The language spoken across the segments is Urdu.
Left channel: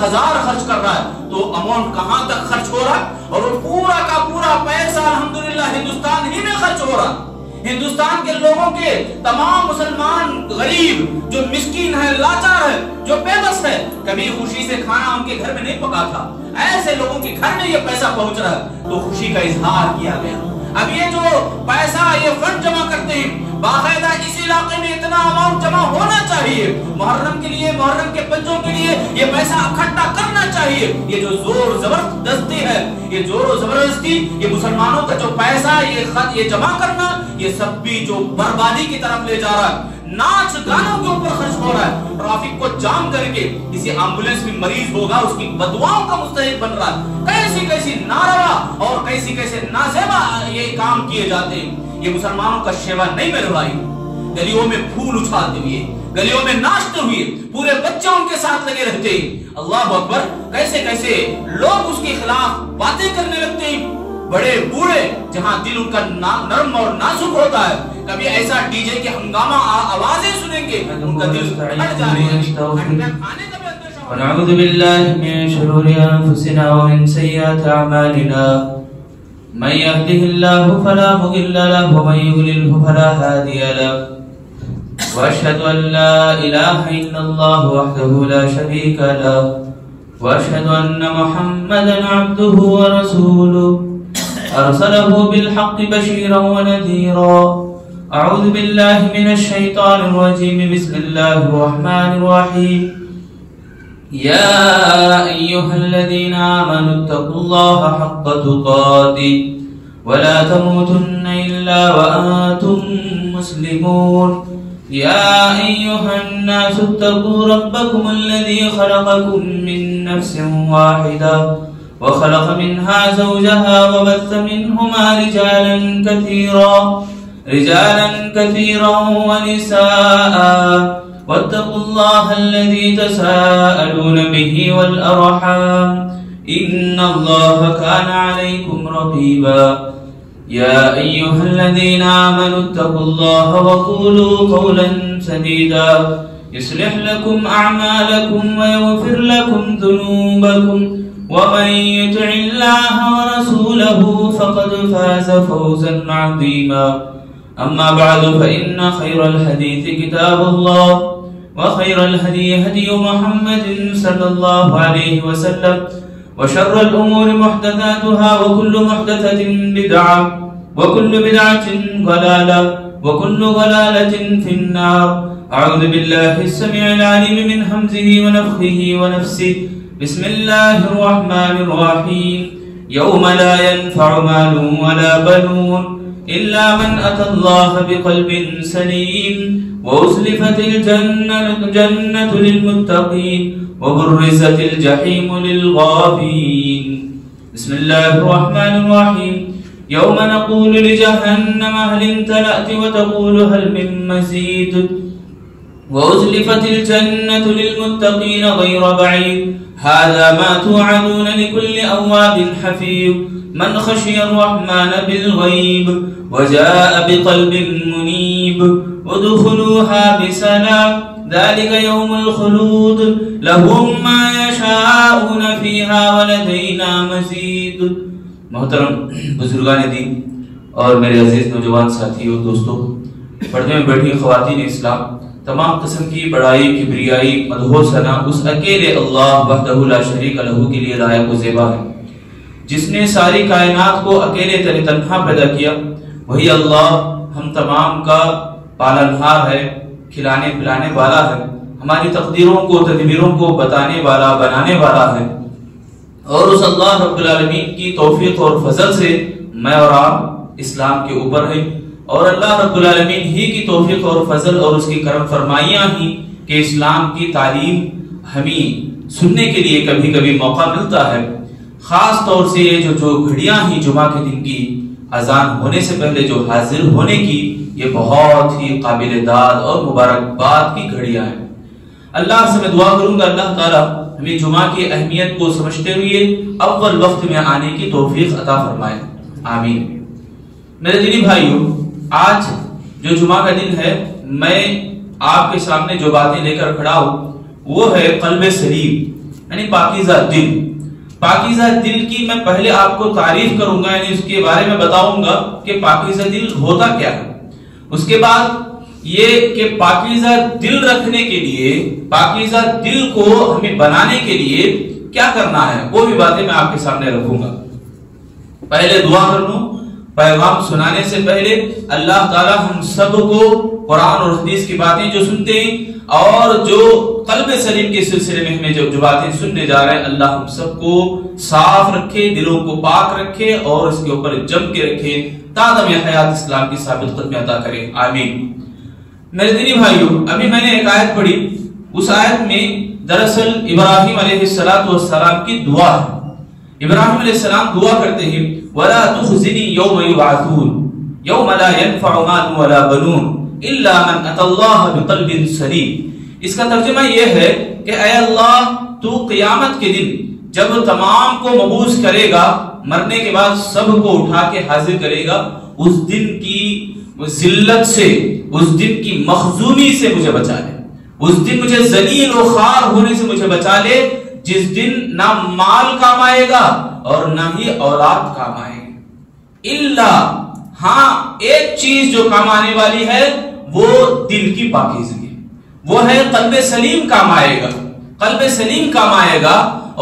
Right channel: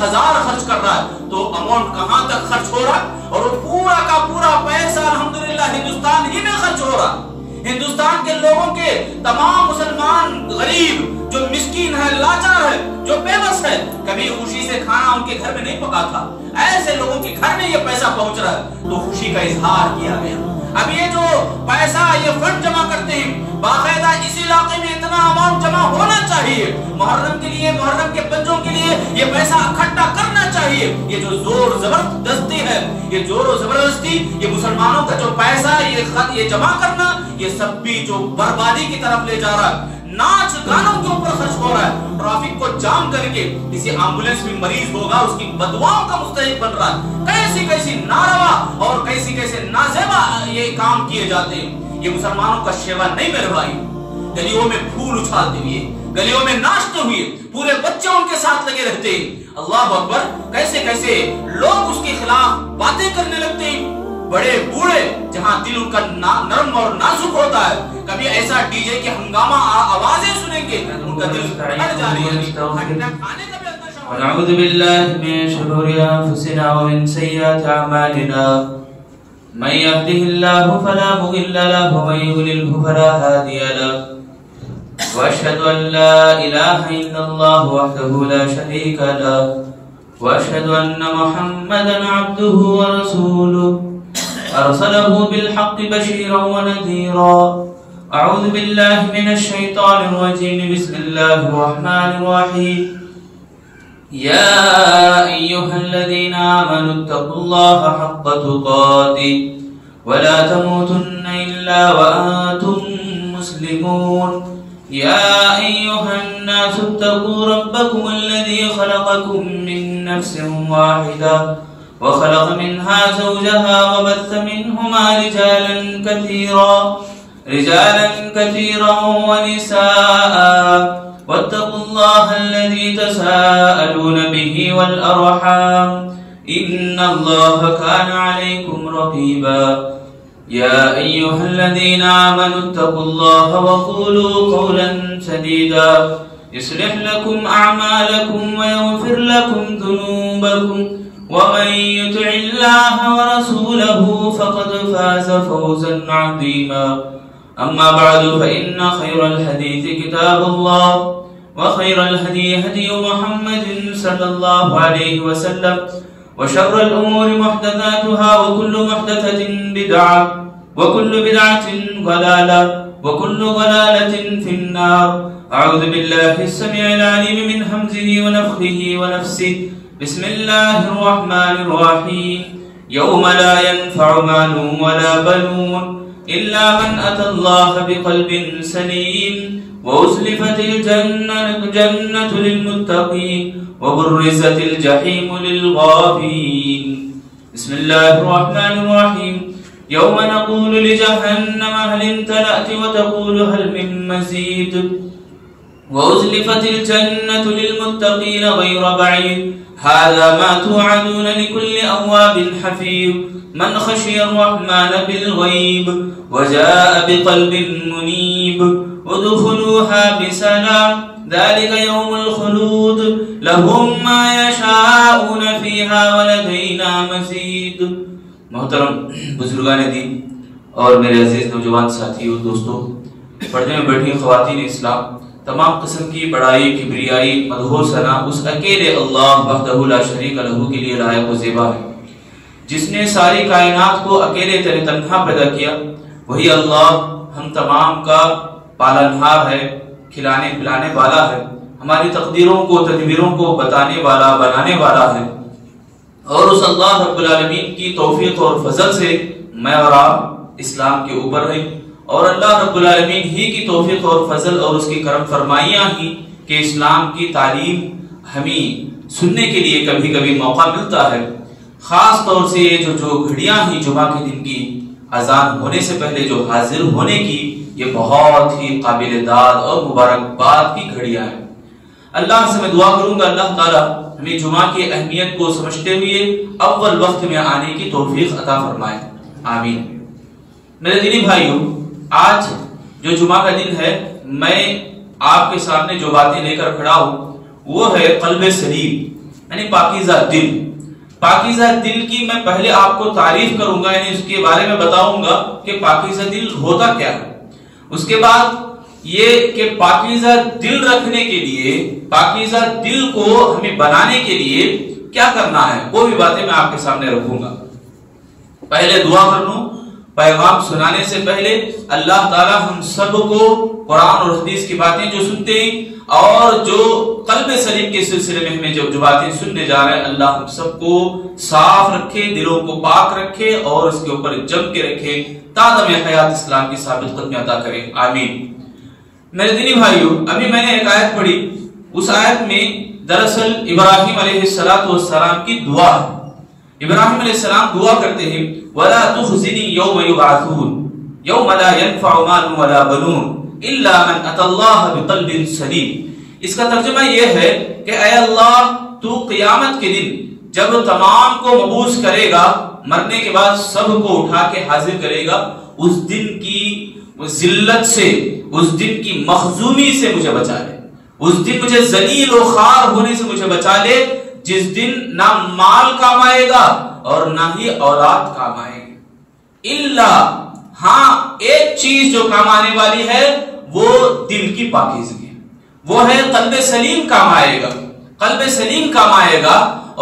10,000 خرچ کر رہا ہے تو اماؤنٹ کہاں تک خرچ ہو رہا ہے؟ اور وہ پورا کا پورا پیسہ الحمدللہ ہندوستان ہی میں خرچ ہو رہا ہے۔ ہندوستان کے لوگوں کے تمام مسلمان غریب جو مسکین ہے، لاچار ہے، جو بے بس ہے، کبھی خوشی سے کھانا ان کے گھر میں نہیں پکا تھا، ایسے لوگوں کے گھر میں یہ پیسہ پہنچ رہا ہے تو خوشی کا اظہار کیا گیا۔ اب یہ جو پیسہ یہ فنڈ جمع کرتے ہیں باقاعدہ اس علاقے میں اتنا اماؤنٹ جمع ہونا چاہیے، محرم کے لیے، محرم کے بچوں کے لیے یہ پیسہ اکٹھا کرنا چاہیے۔ یہ جو زور زبردستی ہے، یہ زور و زبردستی، یہ مسلمانوں کا جو پیسہ یہ جمع کرنا، یہ سب بھی جو بربادی کی طرف لے جا رہا ہے، ناچ گانوں کے اوپر خرچ ہو رہا ہے، ٹریفک کو جام کر کے کسی ایمبولینس میں مریض ہوگا اس کی بددعاؤں کا مستحق بن رہا ہے۔ کیسی کیسی ناروا اور کیسی کیسے نازیبا یہ کام کیے جاتے ہیں۔ یہ مسلمانوں کا شیوا نہیں میرے بھائی۔ گلیوں میں پھول اچھالتے ہوئے، گلیوں میں ناچتے ہوئے، پورے بچے ان کے ساتھ لگے رہتے ہیں۔ اللہ اکبر، کیسے کیسے لوگ اس کے خلاف باتیں کرنے لگتے ہیں، بڑے بوڑھے جہاں دل ان کا نرم اور نازک ہوتا ہے، کبھی ایسا ڈی جے کی ہنگامہ آوازیں سنیں گے ان کا دل پھٹ جانے لگے۔ ونعوذ بالله من شرور أنفسنا ومن سيئات أعمالنا من يهده الله فلا مضل له ومن يضلله فلا هادي له وأشهد أن لا إله إلا الله وحده لا شريك له وأشهد أن محمدا عبده ورسوله أرسله بالحق بشيرا ونذيرا أعوذ بالله من الشيطان الرجيم بسم الله الرحمن الرحيم يا أيها الذين آمنوا اتقوا الله حق تقاته ولا تموتن إلا وأنتم مسلمون يا أيها الناس اتقوا ربكم الذي خلقكم من نفس واحدة وخلق منها زوجها وبث منهما رجالا كثيرا ونساء واتقوا الله الذي تساءلون به والأرحام إن الله كان عليكم رقيبا يا أيها الذين آمنوا اتقوا الله وقولوا قولا سديدا يصلح لكم أعمالكم ويغفر لكم ذنوبكم ومن يطع الله ورسوله فقد فاز فوزا عظيما أما بعد فإن خير الحديث كتاب الله وخير الهدي هدي محمد صلى الله عليه وسلم وشر الأمور محدثاتها وكل محدثة بدعة وكل بدعة ضلالة وكل ضلالة في النار أعوذ بالله السميع العليم من همزه ونفخه ونفسه بسم الله الرحمن الرحيم يوم لا ينفع مال ولا بنون إلا من أتى الله بقلب سليم وأزلفت الجنة للمتقين وبرزت الجحيم للغافين بسم الله الرحمن الرحيم يوم نقول لجهنم هل امتلأت وتقول هل من مزيد وأزلفت الجنة للمتقين غير بعيد هذا ما توعدون لكل أواب حفيظ من خشي الرحمن بالغيب وجاء بقلب منيب ادخلوها بسلام ذلك يوم الخلود لهم ما يشاءون فيها ولدينا مزيد۔ محترم بزرگان دین اور میرے عزیز نوجوان ساتھیوں دوستوں، پردے میں بیٹھی خواتین اسلام، تمام قسم کی بڑائی، کبریائی، مدح و ثنا اس اکیلے اللہ وحدہ لا شریک لہ کے لیے لائق و زیبا ہے، جس نے ساری کائنات کو اکیلے تنہا پیدا کیا۔ وہی اللہ ہم تمام کا پالنہار ہے، کھلانے پلانے والا ہے، ہماری تقدیروں کو تدبیروں کو بتانے والا بنانے والا ہے، اور اس اللہ رب العالمین کی توفیق اور فضل سے میں اور آپ اسلام کے اوپر ہیں، اور اللہ رب العالمین ہی کی توفیق اور فضل اور اس کی کرم فرمائیاں ہی کہ اسلام کی تعلیم ہمیں سننے کے لیے کبھی کبھی موقع ملتا ہے۔ خاص طور سے جو گھڑیاں ہی جمعہ کے دن کی اذان ہونے سے پہلے جو حاضر ہونے کی، یہ بہت ہی قابل داد اور مبارکباد کی گھڑیاں ہیں۔ اللہ سے میں دعا کروں گا اللہ تعالیٰ ہمیں جمعہ کی اہمیت کو سمجھتے ہوئے اول وقت میں آنے کی توفیق عطا فرمائے، آمین۔ میرے دینی بھائیوں، آج جو جمعہ کا دن ہے، میں آپ کے سامنے جو باتیں لے کر کھڑا ہوں وہ ہے قلب سلیم، یعنی پاکیزہ دل. پاکیزہ دل کی میں پہلے آپ کو تعریف کروں گا، یعنی اس کے بارے میں بتاؤں گا کہ پاکیزہ دل ہوتا کیا ہے. اس کے بعد یہ کہ پاکیزہ دل رکھنے کے لیے، پاکیزہ دل کو ہمیں بنانے کے لیے کیا کرنا ہے، وہ بھی باتیں میں آپ کے سامنے رکھوں گا. پہلے دعا کر لوں. پیغام سنانے سے پہلے اللہ تعالی ہم سب کو قرآن اور حدیث کی باتیں جو سنتے ہیں اور جو قلب سلیم کے سلسلے میں ہمیں جو باتیں سننے جا رہے ہیں، اللہ ہم سب کو صاف رکھے، دلوں کو پاک رکھے اور اس کے اوپر جم کے رکھے، تادم حیات اسلام کی ثابت قدمی عطا کرے، آمین. میرے دینی بھائیو، ابھی میں نے ایک آیت پڑھی. اس آیت میں دراصل ابراہیم علیہ السلام کی دعا ہے. ابراہیم علیہ السلام دعا کرتے ہیں وَلَا تُخْزِنِي يَوْمَ يُبْعَثُونَ يَوْمَ لَا يَنْفَعُ مَالٌ وَلَا بَنُونَ إِلَّا مَنْ أَتَى اللَّهَ بِقَلْبٍ سَلِيمٍ. اس کا ترجمہ یہ ہے کہ اے اللہ، تو قیامت کے دن جب تمام کو مبعوث کرے گا، مرنے کے بعد سب کو اٹھا کے حاضر کرے گا، اس دن کی ذلت سے، اس دن کی مخزومی سے مجھے بچا لے. اس دن مجھے ذلیل و خوار ہونے سے مجھے بچا لے، جس دن نہ مال کام آئے گا اور نہ ہی اولاد کام آئے گی. الا، ہاں ایک چیز جو کام آنے والی ہے وہ دل کی پاکیزگی، وہ ہے قلب سلیم کام آئے گا. قلب سلیم کام آئے گا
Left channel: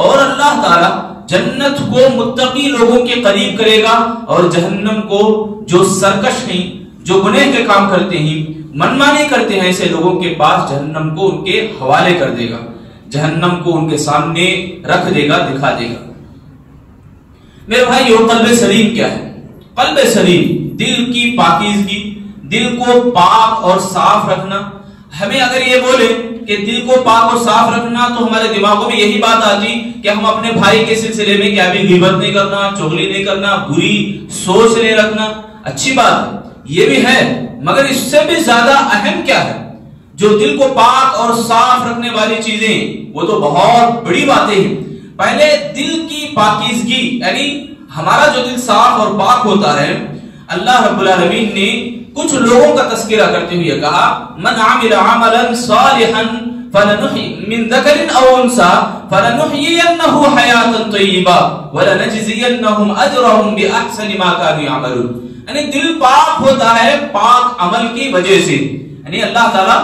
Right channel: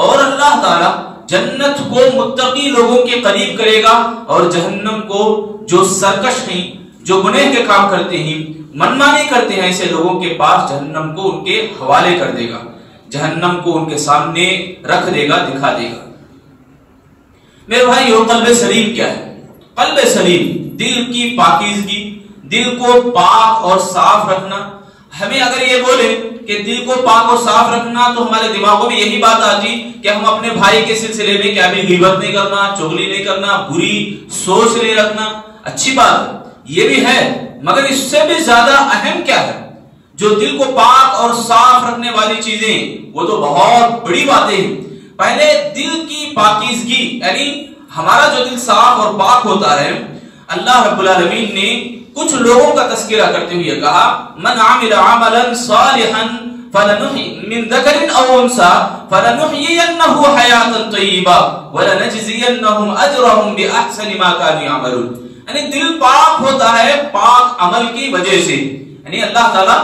اور اللہ تعالی جنت کو متقی لوگوں کے قریب کرے گا اور جہنم کو جو سرکش ہیں، جو گناہ کے کام کرتے ہیں، منمانی کرتے ہیں، ایسے لوگوں کے پاس جہنم کو ان کے حوالے کر دے گا، جہنم کو ان کے سامنے رکھ دے گا، دکھا دے گا. میرے بھائیو، قلب سلیم کیا ہے؟ قلب سلیم دل کی پاکیزگی، دل کو پاک اور صاف رکھنا. ہمیں اگر یہ بولے کہ دل کو پاک اور صاف رکھنا تو ہمارے دماغوں میں یہی بات آتی کہ ہم اپنے بھائی کے سلسلے میں کیا بھی غیبت نہیں کرنا، چغلی نہیں کرنا، بری سوچ نہیں رکھنا. اچھی بات ہے، یہ بھی ہے، مگر اس سے بھی زیادہ اہم کیا ہے؟ جو دل کو پاک اور صاف رکھنے والی چیزیں، وہ تو بہت بڑی باتیں ہیں. پہلے دل کی پاکیزگی، یعنی ہمارا جو دل صاف اور پاک ہوتا ہے، اللہ رب العالمین نے کچھ لوگوں کا تذکرہ کرتے ہوئے کہا من عمل عملا صالحا من ذکر او انثى فلنحيينه حیاتا طیبہ ولنجزینهم اجرهم باحسن ما كانوا يعملون. یعنی دل پاک ہوتا ہے پاک عمل کی وجہ سے. یعنی اللہ تعالیٰ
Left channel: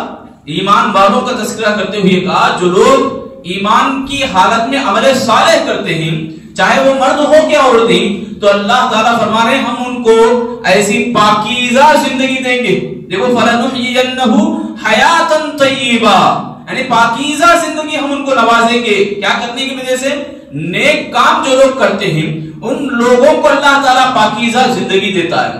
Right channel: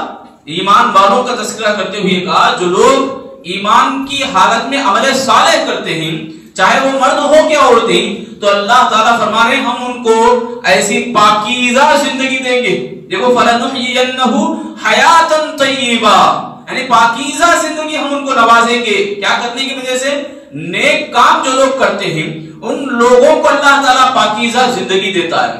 ایمان والوں کا تذکرہ کرتے ہوئے کہا جو لوگ ایمان کی حالت میں عمل صالح کرتے ہیں، چاہے وہ مرد ہو کہ عورتیں، تو اللہ تعالیٰ فرما رہے ہیں ہم ان کو ایسی پاکیزہ زندگی دیں گے. دیکھو فَلَنُحْيِيَنَّهُ حَيَاتًا طَيِّبًا، یعنی پاکیزہ زندگی ہم ان کو نوازیں گے. کیا کرنے کی وجہ سے؟ نیک کام جو لوگ کرتے ہیں ان لوگوں کو اللہ تعالیٰ پاکیزہ زندگی دیتا ہے.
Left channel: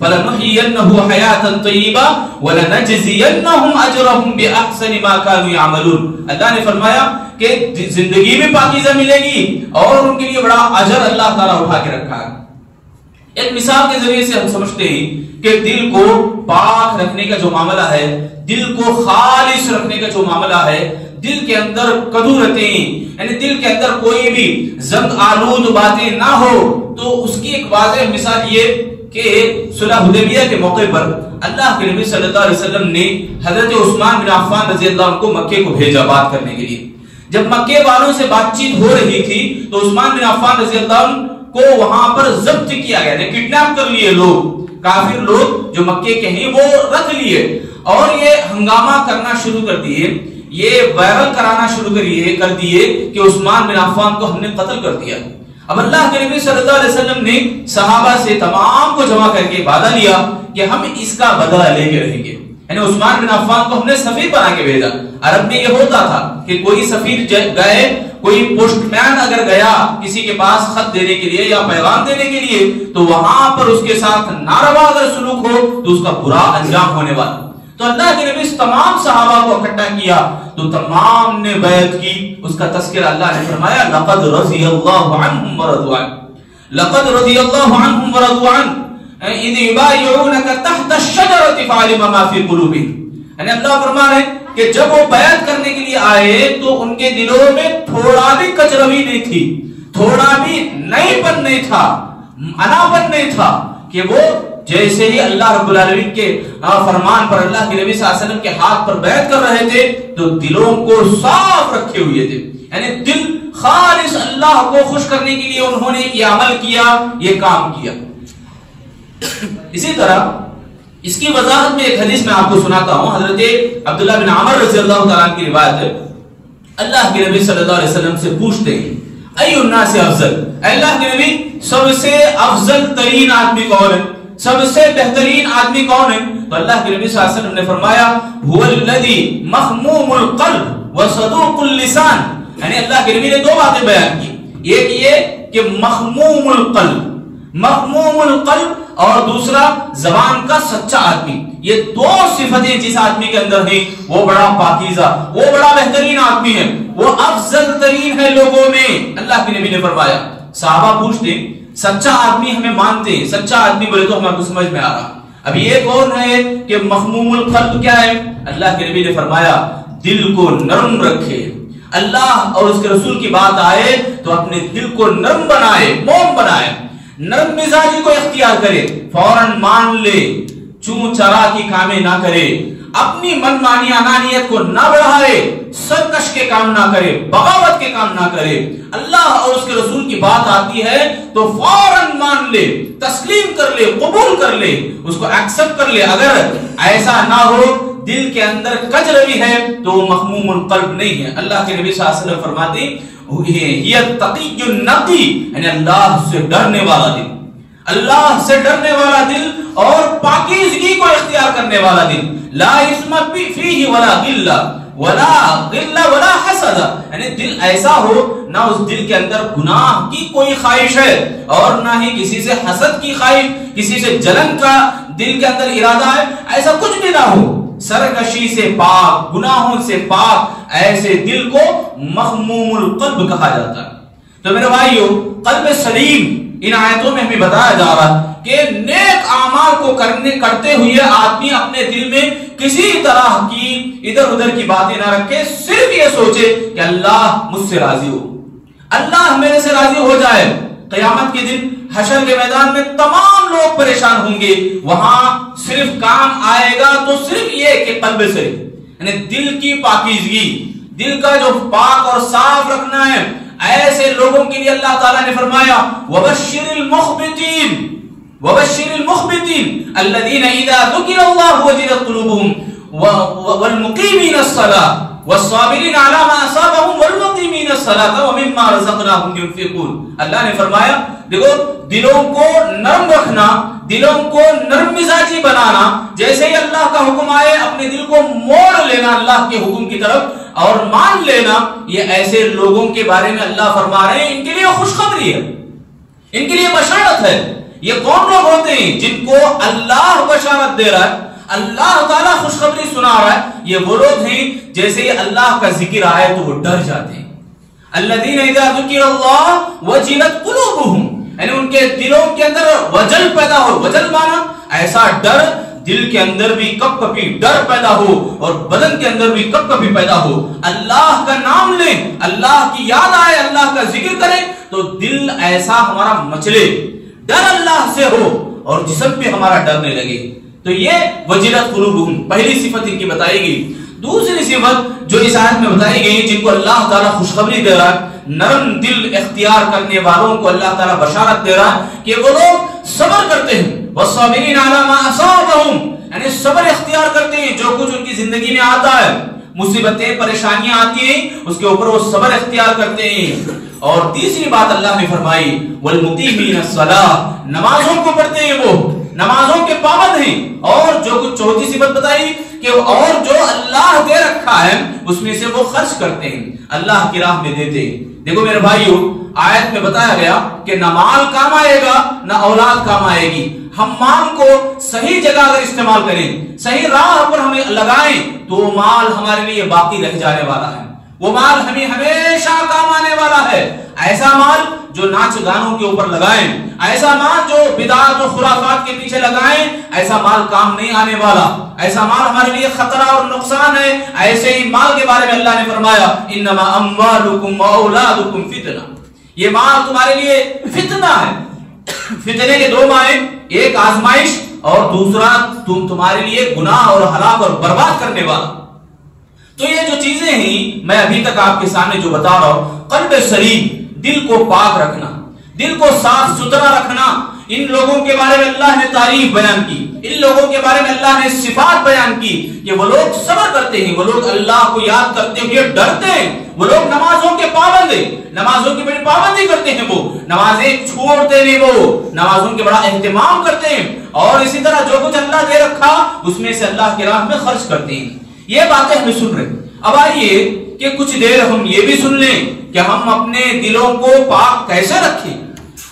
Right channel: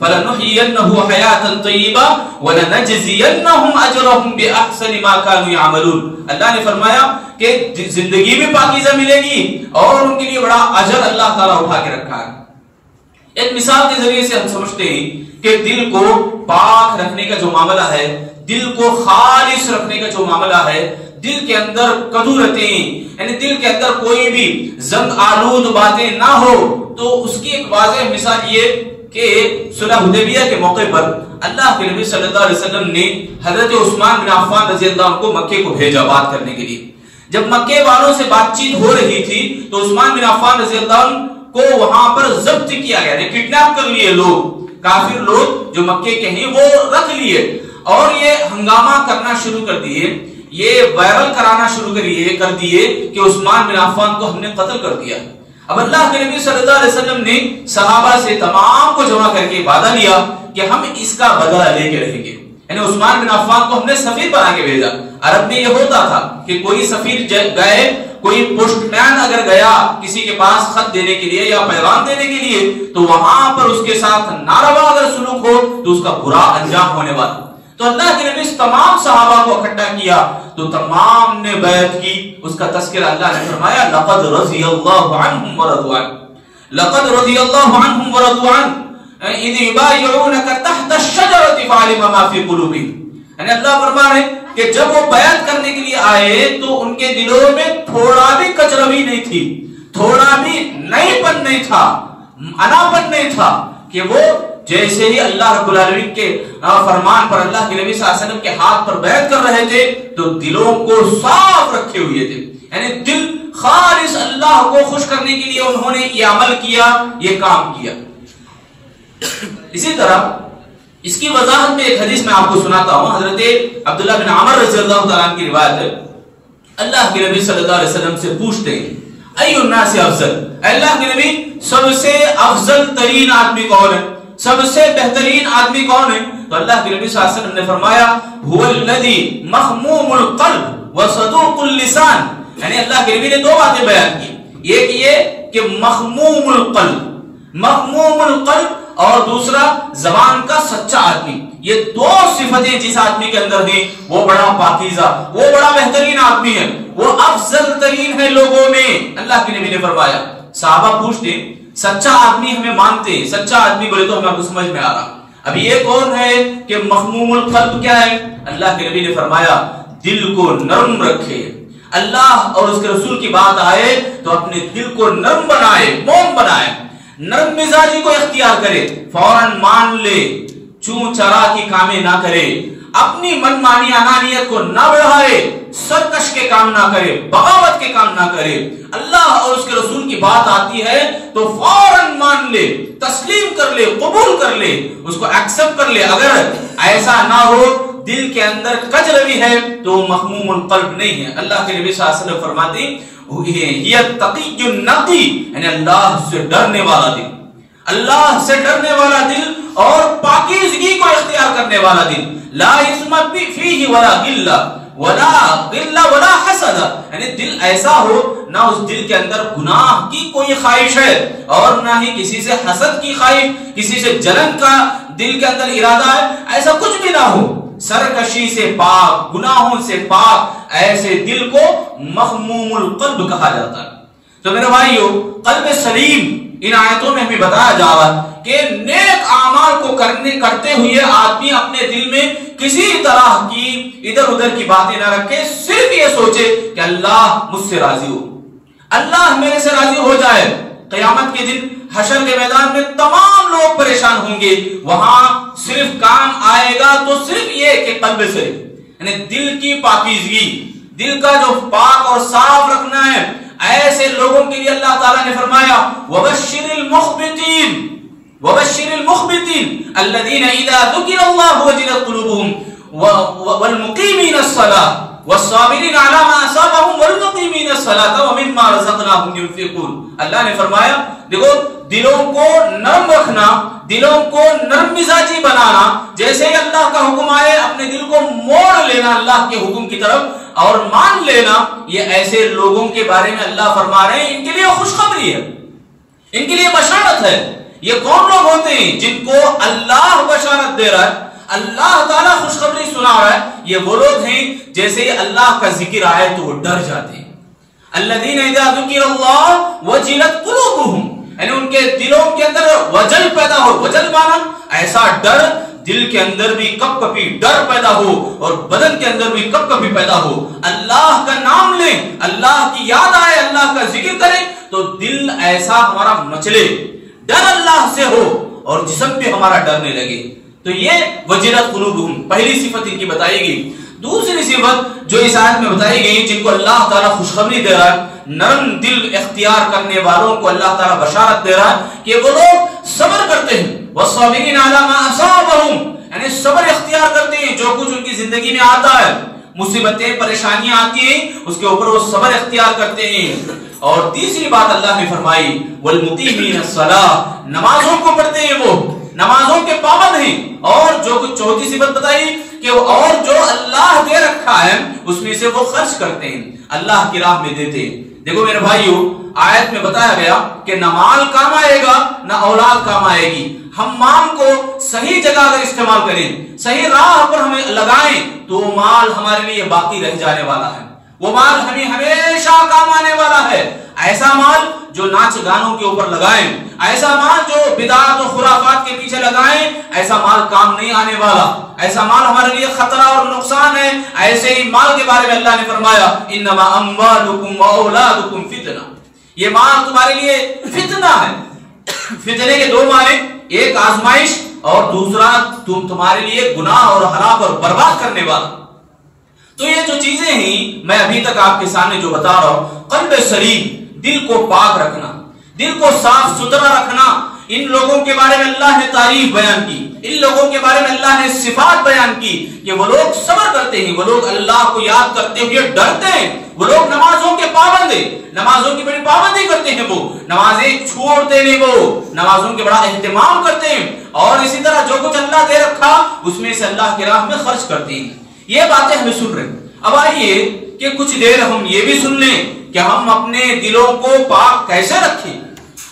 فَلَنُحْيِيَنَّهُ حَيَاتًا طَيِّبًا وَلَنَجْزِيَنَّهُمْ أَجْرَهُمْ بِأَحْسَنِ مَا كَانُوا يَعْمَلُونَ. اللہ نے فرمایا کہ زندگی میں پاکیزہ ملے گی اور ان کے لیے بڑا اجر اللہ تعالیٰ اٹھا کے رکھا ہے. ایک مثال کے ذریعے سے ہم سمجھتے ہیں کہ دل کو پاک رکھنے کا جو معاملہ ہے، دل کو خالص رکھنے کا جو معاملہ ہے، دل کے اندر کدورتیں، یعنی دل کے اندر کوئی بھی زنگ آلود باتیں نہ ہو، تو اس کی ایک واضح مثال یہ کہ صلح حدیبیہ کے موقع پر اللہ کے نبی صلی اللہ علیہ وسلم نے حضرت عثمان بن عفان رضی اللہ عنہ کو مکے کو بھیجا بات کرنے کے لیے. جب مکے والوں سے بات چیت ہو رہی تھی تو عثمان بن عفان رضی اللہ عنہ کو وہاں پر ضبط کیا گیا، کڈنیپ کر لیے لوگ، کافر لوگ جو مکے کے ہیں وہ رکھ لیے اور یہ ہنگامہ کرنا شروع کر دیے، یہ وائرل کرانا شروع کر دیے کہ عثمان بن عفان کو ہم نے قتل کر دیا. اب اللہ کے نبی صلی اللہ علیہ وسلم نے صحابہ سے تمام کو جمع کر کے وعدہ لیا کہ ہم اس کا بدلہ لے کے رہیں گے. یعنی عثمان بن عفان کو ہم نے سفیر بنا کے بھیجا. عرب میں یہ ہوتا تھا کہ کوئی سفیر گئے، کوئی پوسٹ مین اگر گیا کسی کے پاس خط دینے کے لیے یا پیغام دینے کے لیے، تو وہاں پر اس کے ساتھ ناروا اگر سلوک ہو تو اس کا برا انجام ہونے والا. تو اللہ کے نبی تمام صحابہ کو اکٹھا کیا تو تمام نے بیعت کی. اس کا تذکرہ اللہ نے فرمایا لقد رضی اللہ عنہم ورضوا عنہ، لقد رضی اللہ عنہم ورضوا عنہ اذ یبایعونک تحت الشجرۃ فعلم ما فی قلوبہم. یعنی اللہ فرما رہے کہ جب وہ بیعت کرنے کے لیے آئے تو ان کے دلوں میں تھوڑا بھی کچروی نہیں تھی، تھوڑا بھی نئی پن نہیں تھا، اناپن نہیں تھا، کہ وہ جیسے ہی اللہ رب العالمین کے فرمان پر اللہ کے نبی صلی اللہ علیہ وسلم کے ہاتھ پر بیعت کر رہے تھے تو دلوں کو صاف رکھے ہوئے تھے. یعنی دل خالص اللہ کو خوش کرنے کے لیے انہوں نے یہ عمل کیا، یہ کام کیا۔ اسی طرح اس کی وضاحت میں ایک حدیث میں آپ کو سناتا ہوں، حضرت عبداللہ بن عمر رضی اللہ تعالیٰ عنہ کی روایت ہے۔ اللہ کے نبی صلی اللہ علیہ وسلم سے پوچھتے ہیں ای الناس افضل، اللہ کے نبی سب سے افضل ترین آدمی کون ہے، سب سے بہترین آدمی کون ہے؟ تو اللہ کے نبی صلی اللہ علیہ وسلم نے فرمایا هو الذی مخموم القلب وصدوق اللسان، یعنی اللہ کے نبی نے دو باتیں بیان کی، ایک یہ کہ مخموم القلب، مخموم القلب، اور دوسرا زبان کا سچا آدمی۔ یہ دو صفتیں جس آدمی کے اندر ہیں وہ بڑا پاکیزہ، وہ بڑا بہترین آدمی ہے، وہ افضل ترین ہے لوگوں میں، اللہ کے نبی نے فرمایا۔ صحابہ پوچھتے سچا آدمی ہمیں مانتے ہیں، سچا آدمی بولے تو ہمیں سمجھ میں آ رہا، اب یہ کون ہے کہ مخموم القلب کیا ہے؟ اللہ کے نبی نے فرمایا دل کو نرم رکھے، اللہ اور اس کے رسول کی بات آئے تو اپنے دل کو نرم بنائے، موم بنائے، نرم مزاجی کو اختیار کرے، فوراً مان لے، چون چرا کی کامیں نہ کرے، اپنی من مانی انانیت کو نہ بڑھائے، سرکش کے کام نہ کرے، بغاوت کے کام نہ کرے، اللہ اور اس کے رسول کی بات آتی ہے تو فوراً مان لے، تسلیم کر لے، قبول کر لے، اس کو ایکسپٹ کر لے۔ اگر ایسا نہ ہو، دل کے اندر کج روی ہے تو مخموم القلب نہیں ہے۔ اللہ کے نبی صلی اللہ علیہ وسلم فرماتے یہ تقی النقی، یعنی اللہ سے ڈرنے والا دل، اللہ سے ڈرنے والا دل اور پاکیزگی کو اختیار کرنے والا دل، لا اسم فیہ ولا غلہ ولا حسد، یعنی دل ایسا ہو نہ اس دل کے اندر گناہ کی کوئی خواہش ہے اور نہ ہی کسی سے حسد کی خواہش، کسی سے جلن کا دل کے اندر ارادہ ہے، ایسا کچھ بھی نہ ہو، سرکشی سے پاک، گناہوں سے پاک، ایسے دل کو مخموم القلب کہا جاتا ہے۔ تو میرے بھائیو، قلب سلیم ان آیتوں میں ہمیں بتایا جا رہا ہے کہ نیک اعمال کو کرتے ہوئے آدمی اپنے دل میں کسی طرح کی ادھر ادھر کی باتیں نہ رکھے، صرف یہ سوچے کہ اللہ مجھ سے راضی ہو، اللہ میرے سے راضی ہو جائے۔ قیامت کے دن حشر کے میدان میں تمام لوگ پریشان ہوں گے، وہاں صرف کام آئے گا تو صرف یہ کہ قلب سلیم، یعنی دل کی پاکیزگی، دل کا جو پاک اور صاف رکھنا ہے۔ ایسے لوگوں کے لیے اللہ تعالیٰ نے فرمایا وَبَشِّرِ الْمُخْبِتِينَ وَبَشِّرِ الْمُخْبِتِينَ الَّذِينَ إِذَا ذُكِرَ اللَّهُ وَجِلَتْ قُلُوبُهُمْ وَالْمُقِيمِينَ الصَّلَاةَ وَالصَّابِرِينَ عَلَى مَا أَصَابَهُمْ وَالْمُقِيمِينَ الصَّلَاةَ وَمِمَّا رَزَقْنَاهُمْ يُنْفِقُونَ۔ اللہ نے فرمایا دیکھو، دلوں کو نرم رکھنا، دلوں کو نرم مزاجی بنانا، جیسے ہی اللہ کا حکم آئے اپنے دل کو موڑ لینا اللہ کے حکم کی طرف اور مان لینا، یہ ایسے لوگوں کے بارے میں اللہ فرما رہے ہیں ان کے لیے خوشخبری ہے، ان کے لیے بشارت ہے۔ یہ کون لوگ ہوتے ہیں جن کو اللہ بشارت دے رہا ہے، اللہ تعالیٰ خوشخبری سنا رہا ہے؟ یہ وہ لوگ ہیں جیسے ہی اللہ کا ذکر آئے تو وہ ڈر جاتے ہیں۔ الذین اذا ذکر اللہ وجلت قلوبہم، یعنی ان کے دلوں کے اندر وجل پیدا ہو، وجل مانا ایسا ڈر، دل کے اندر بھی کپ کپی ڈر پیدا ہو اور بدن کے اندر بھی کپ کپی پیدا ہو، اللہ کا نام لیں، اللہ کی یاد آئے، اللہ کا ذکر کریں تو دل ایسا ہمارا مچلے، ڈر اللہ سے ہو اور جسم بھی ہمارا ڈرنے لگے۔ تو یہ وجلت قلوبہم پہلی صفت ان کی بتائی گئی۔ دوسری صفت جو اس آیت میں بتائی گئی جن کو اللہ تعالیٰ خوشخبری دے رہا ہے، نرم دل اختیار کرنے والوں کو اللہ تعالیٰ بشارت دے رہا ہے کہ وہ لوگ صبر کرتے ہیں، وَالصَّابِرِينَ عَلَى مَا أَصَابَهُمْ، یعنی صبر اختیار کرتے ہیں جو کچھ ان کی زندگی میں آتا ہے، مصیبتیں پریشانیاں آتی ہیں اس کے اوپر وہ صبر اختیار کرتے ہیں۔ اور تیسری بات اللہ نے فرمائی وَالْمُقِيمِينَ الصَّلَاةَ، نمازوں کو پڑھتے ہیں، وہ نمازوں کے پابند ہیں۔ اور جو کچھ چوتھی صفت بتائی کہ اور جو اللہ دے رکھا ہے اس میں سے وہ خرچ کرتے ہیں، اللہ کی راہ میں دیتے ہیں۔ دیکھو میرے بھائیو، آیت میں بتایا گیا کہ نہ مال کام آئے گا نہ اولاد کام آئے گی۔ ہم مال کو صحیح جگہ اگر استعمال کریں، صحیح راہ پر ہمیں لگائیں تو مال ہمارے لیے باقی رہ جانے والا ہے، وہ مال ہمیں ہمیشہ کام آنے والا ہے۔ ایسا مال جو ناچ گانوں کے اوپر لگائیں، ایسا مال جو بدعات و خرافات کے پیچھے لگائیں، ایسا مال کام نہیں آنے والا، ایسا مال ہمارے لیے خطرہ اور نقصان ہے۔ ایسے ہی مال کے بارے میں اللہ نے فرمایا انما اموالکم واولادکم فتنہ، یہ مال تمہارے لیے فتنہ ہے۔ فتنے کے دو معنی، ایک آزمائش اور دوسرا تمہارے لیے گناہ اور ہلاک اور برباد کرنے والا۔ تو یہ جو چیزیں ہیں میں ابھی تک آپ کے سامنے جو بتا رہا ہوں، قلب سلیم، دل کو پاک رکھنا، دل کو صاف ستھرا رکھنا، ان لوگوں کے بارے میں اللہ نے تعریف بیان کی، ان لوگوں کے بارے میں اللہ نے صفات بیان کی کہ وہ لوگ صبر کرتے ہیں، وہ لوگ اللہ کو یاد کرتے ہوئے ڈرتے ہیں، وہ لوگ نمازوں کے پابند ہیں، نمازوں کی بڑی پابندی کرتے ہیں، وہ نمازیں چھوڑتے نہیں، وہ نمازوں کے بڑا اہتمام کرتے ہیں، اور اسی طرح جو کچھ اللہ دے رکھا اس میں سے اللہ کی راہ میں خرچ کرتے ہیں۔ یہ باتیں ہمیں سن رہے ہیں۔ اب آئیے کہ کچھ دیر ہم یہ بھی سن لیں کہ ہم اپنے دلوں کو پاک کیسے رکھیں،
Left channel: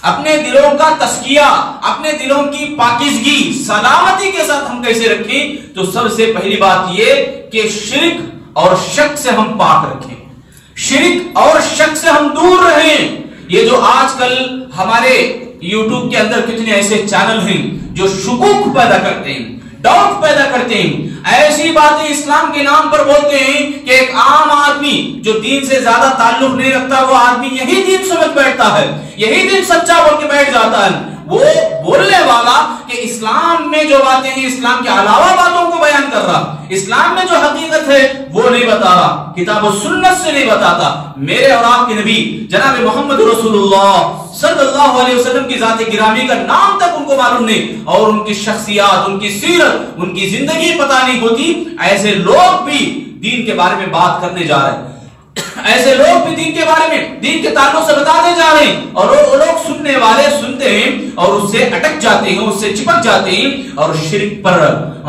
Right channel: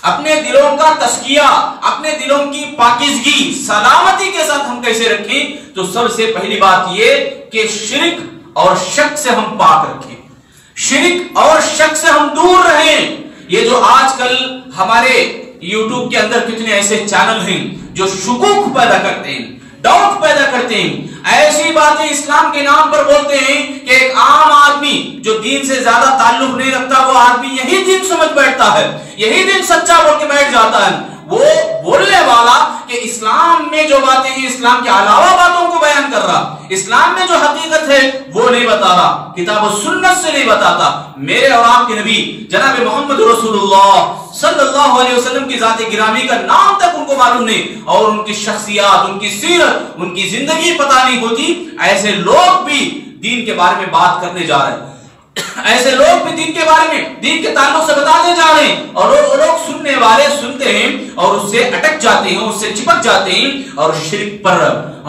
اپنے دلوں کا تزکیہ، اپنے دلوں کی پاکیزگی سلامتی کے ساتھ ہم کیسے رکھیں۔ تو سب سے پہلی بات یہ کہ شرک اور شک سے ہم پاک رکھیں، شرک اور شک سے ہم دور رہیں۔ یہ جو آج کل ہمارے یوٹیوب کے اندر کتنے ایسے چینل ہیں جو شکوک پیدا کرتے ہیں، ڈاؤٹ پیدا کرتے ہیں، ایسی باتیں اسلام کے نام پر بولتے ہیں کہ ایک عام آدمی جو دین سے زیادہ تعلق نہیں رکھتا وہ آدمی یہی دین سمجھ بیٹھتا ہے، یہی دین سچا بول کے بیٹھ جاتا ہے۔ وہ بولنے والا کہ اسلام میں جو باتیں ہیں اسلام کے علاوہ باتوں کو بیان کر رہا، اسلام میں جو حقیقت ہے وہ نہیں بتا رہا، کتاب و سنت سے نہیں بتاتا۔ میرے اور آپ کے نبی جناب محمد رسول اللہ صلی اللہ علیہ وسلم کی ذات گرامی کا نام تک ان کو معلوم نہیں، اور ان کی شخصیات، ان کی سیرت، ان کی زندگی پتہ نہیں ہوتی۔ ایسے لوگ بھی دین کے بارے میں بات کرنے جا رہے ہیں، ایسے لوگ بھی دین کے بارے میں، دین کے تعلق سے بتاتے جا رہے ہیں، اور وہ لوگ سننے والے سنتے ہیں اور اس سے اٹک جاتے ہیں، اس سے چپک جاتے ہیں اور شرک پر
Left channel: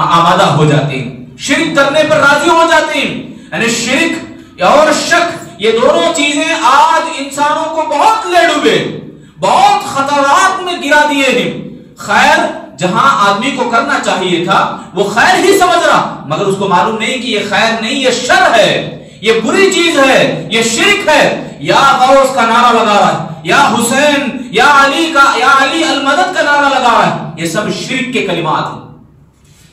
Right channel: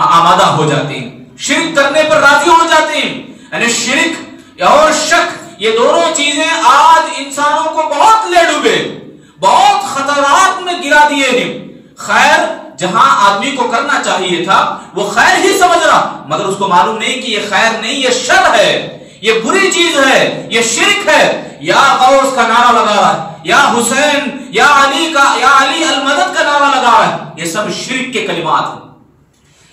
آمادہ ہو جاتے ہیں، شرک کرنے پر راضی ہو جاتے ہیں۔ یعنی شرک اور شک یہ دونوں چیزیں آج انسانوں کو بہت لے ڈوبے، بہت خطرات میں گرا دیے ہیں۔ خیر جہاں آدمی کو کرنا چاہیے تھا وہ خیر ہی سمجھ رہا، مگر اس کو معلوم نہیں کہ یہ خیر نہیں، یہ شر ہے، یہ بری چیز ہے، یہ شرک ہے۔ یا غوث کا نعرہ لگا رہا ہے، یا حسین، یا علی المدد کا نعرہ لگا رہا ہے، یہ سب شرک کے کلمات ہیں،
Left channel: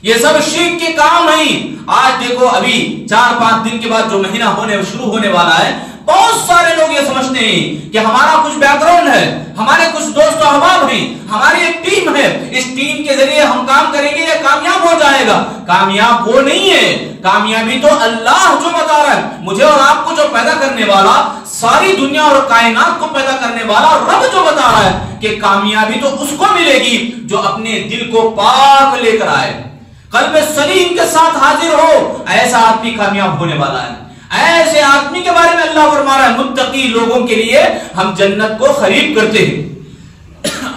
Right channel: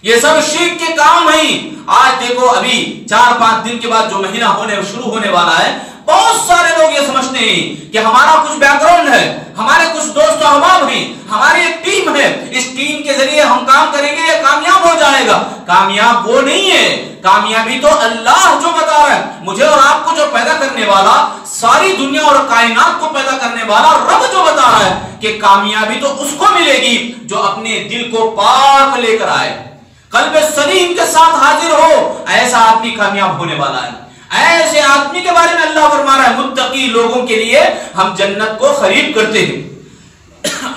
یہ سب شرک کے کام ہیں۔ آج دیکھو ابھی 4-5 دن کے بعد جو مہینہ شروع ہونے والا ہے، بہت سارے لوگ یہ سمجھتے ہیں کہ ہمارا کچھ بیک گراؤنڈ ہے، ہمارے کچھ دوست و احباب ہیں، ہماری ایک ٹیم ہے، اس ٹیم کے ذریعے ہم کام کریں گے یہ کامیاب ہو جائے گا۔ کامیاب وہ نہیں ہے، کامیابی تو اللہ جو بتا رہا ہے، مجھے اور آپ کو جو پیدا کرنے والا، ساری دنیا اور کائنات کو پیدا کرنے والا رب جو بتا رہا ہے کہ کامیابی تو اس کو ملے گی جو اپنے دل کو پاک لے کر آئے، قلب سلیم کے ساتھ حاضر ہو، ایسا آدمی کامیاب ہونے والا ہے۔ ایسے آدمی کے بارے میں اللہ فرما رہا ہے متقی لوگوں کے لیے ہم جنت کو خرید کرتے ہیں۔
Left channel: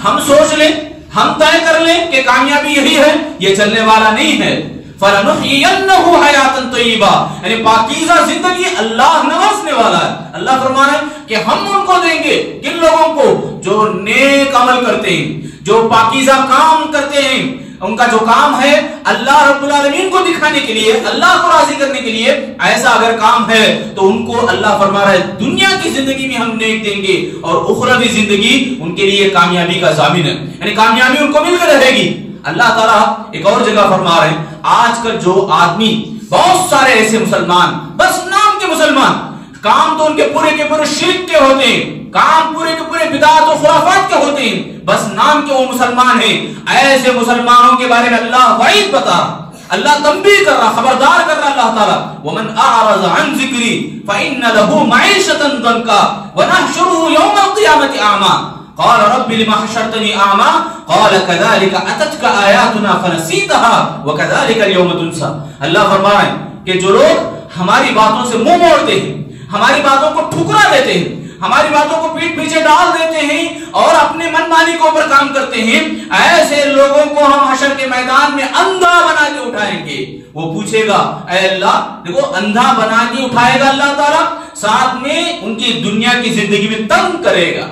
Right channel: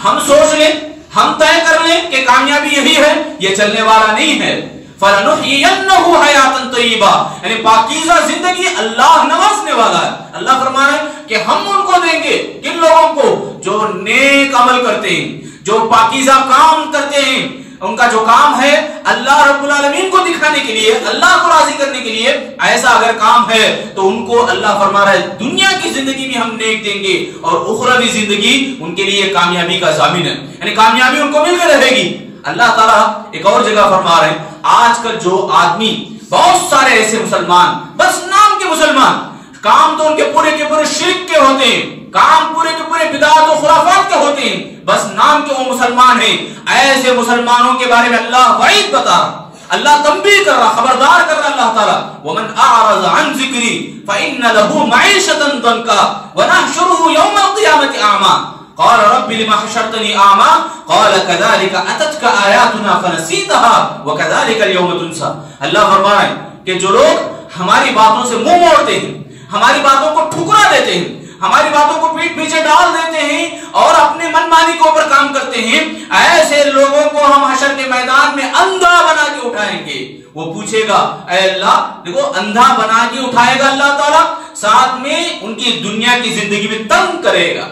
ہم سوچ لیں، ہم طے کر لیں کہ کامیابی یہی ہے، یہ چلنے والا نہیں ہے۔ فَلَنُحْيِيَنَّهُ حَيَاتًا طَيِّبَةً، یعنی پاکیزہ زندگی اللہ نوازنے والا ہے۔ اللہ فرما رہے ہیں کہ ہم ان کو دیں گے، کن لوگوں کو؟ جو نیک عمل کرتے ہیں، جو پاکیزہ کام کرتے ہیں، ان کا جو کام ہے اللہ رب العالمین کو دکھانے کے لیے، اللہ کو راضی کرنے کے لیے، ایسا اگر کام ہے تو ان کو اللہ فرما رہا ہے دنیا کی زندگی میں ہم نیک دیں گے، اور اخروی زندگی ان کے لیے کامیابی کا ضامن ہے، یعنی کامیابی ان کو مل کر رہے گی۔ اللہ تعالیٰ ایک اور جگہ فرما رہے ہیں آج کل جو آدمی، بہت سارے ایسے مسلمان، بس نام کے مسلمان، کام تو ان کے پورے شرک کے ہوتے ہیں، کام پورے کے پورے بدعات و خرافات کے ہوتے ہیں، بس نام کے وہ مسلمان ہیں۔ ایسے مسلمانوں کے بارے میں اللہ وعید بتا رہا، اللہ تنبیہ کر رہا، خبردار کر رہا اللہ تعالیٰ، وَمَنْ أَعْرَضَ عَنْ ذِكْرِي فَإِنَّ لَهُ مَعِيشَةً ضَنْكًا وَنَحْشُرُهُ يَوْمَ الْقِيَامَةِ أَعْمَىٰ قال رب لما حشرتني أعمى قال كذلك أتتك آياتنا فنسيتها وكذلك اليوم تنسى۔ اللہ فرما رہے ہیں کہ جو لوگ ہماری باتوں سے منہ موڑتے ہیں، ہماری باتوں کو ٹھکرا دیتے ہیں، ہماری باتوں کو پیٹ پیچھے ڈال دیتے ہیں اور اپنے من مانی کے اوپر کام کرتے ہیں، ایسے لوگوں کو ہم حشر کے میدان میں اندھا بنا کے اٹھائیں گے۔ وہ پوچھے گا اے اللہ، دیکھو اندھا بنا کے اٹھائے گا اللہ تعالیٰ، ساتھ میں ان کی دنیا کی زندگی میں تنگ کرے گا،